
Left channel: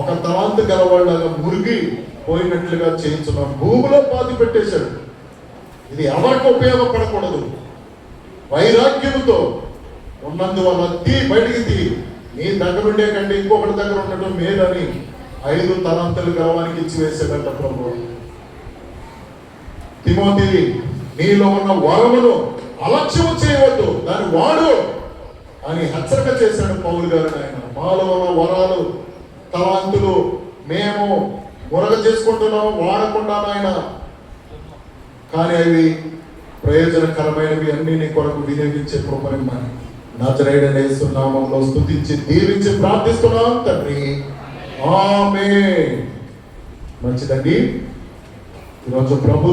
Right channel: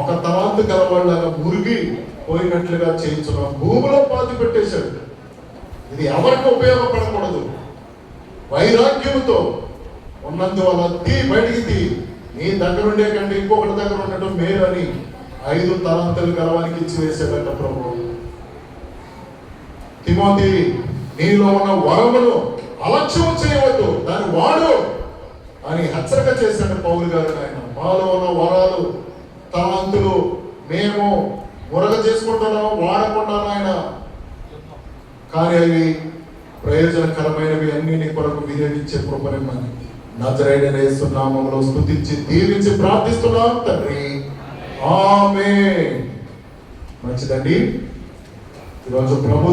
ఒక తలాంతు గలవాళ్ళగా మురిగి పోయినట్లుగా చేయించున్నాం. భూమిలో పాతి పెట్టేశాడు. ఇది ఎవరికి ఉపయోగపడకూడదు. వైరాగ్యముతో ఉన్నందువల్ల బయటికి తీ, నీ దగ్గర ఉండే కంటే ఇంకొకటి దగ్గర ఉండటం మేలని 5 తలాంతులు గలవానికి ఇచ్చి వేసేట ప్రభు. తిమోతి, నీలో ఉన్న వరమును అలక్ష్యము చేయవద్దు, దాన్ని వాడు అని హెచ్చరిక చేశాడు పౌలు గారు. ఆయన మాలో ఉన్న వరాలు, తలాంతులు మేము మురగ చేసుకుంటున్నాం, వాడకుండా ఆయన, కానీ అవి ప్రయోజనకరమైనవి అన్ని నీ కొరకు వినియోగించే కృపనిమ్మని నజరేయుడైన యేసు నామములో స్తుతించి దీవించి ప్రార్థిస్తున్నాం తండ్రి, ఆమేన్. మంచిదండి. ఈరోజు ప్రభు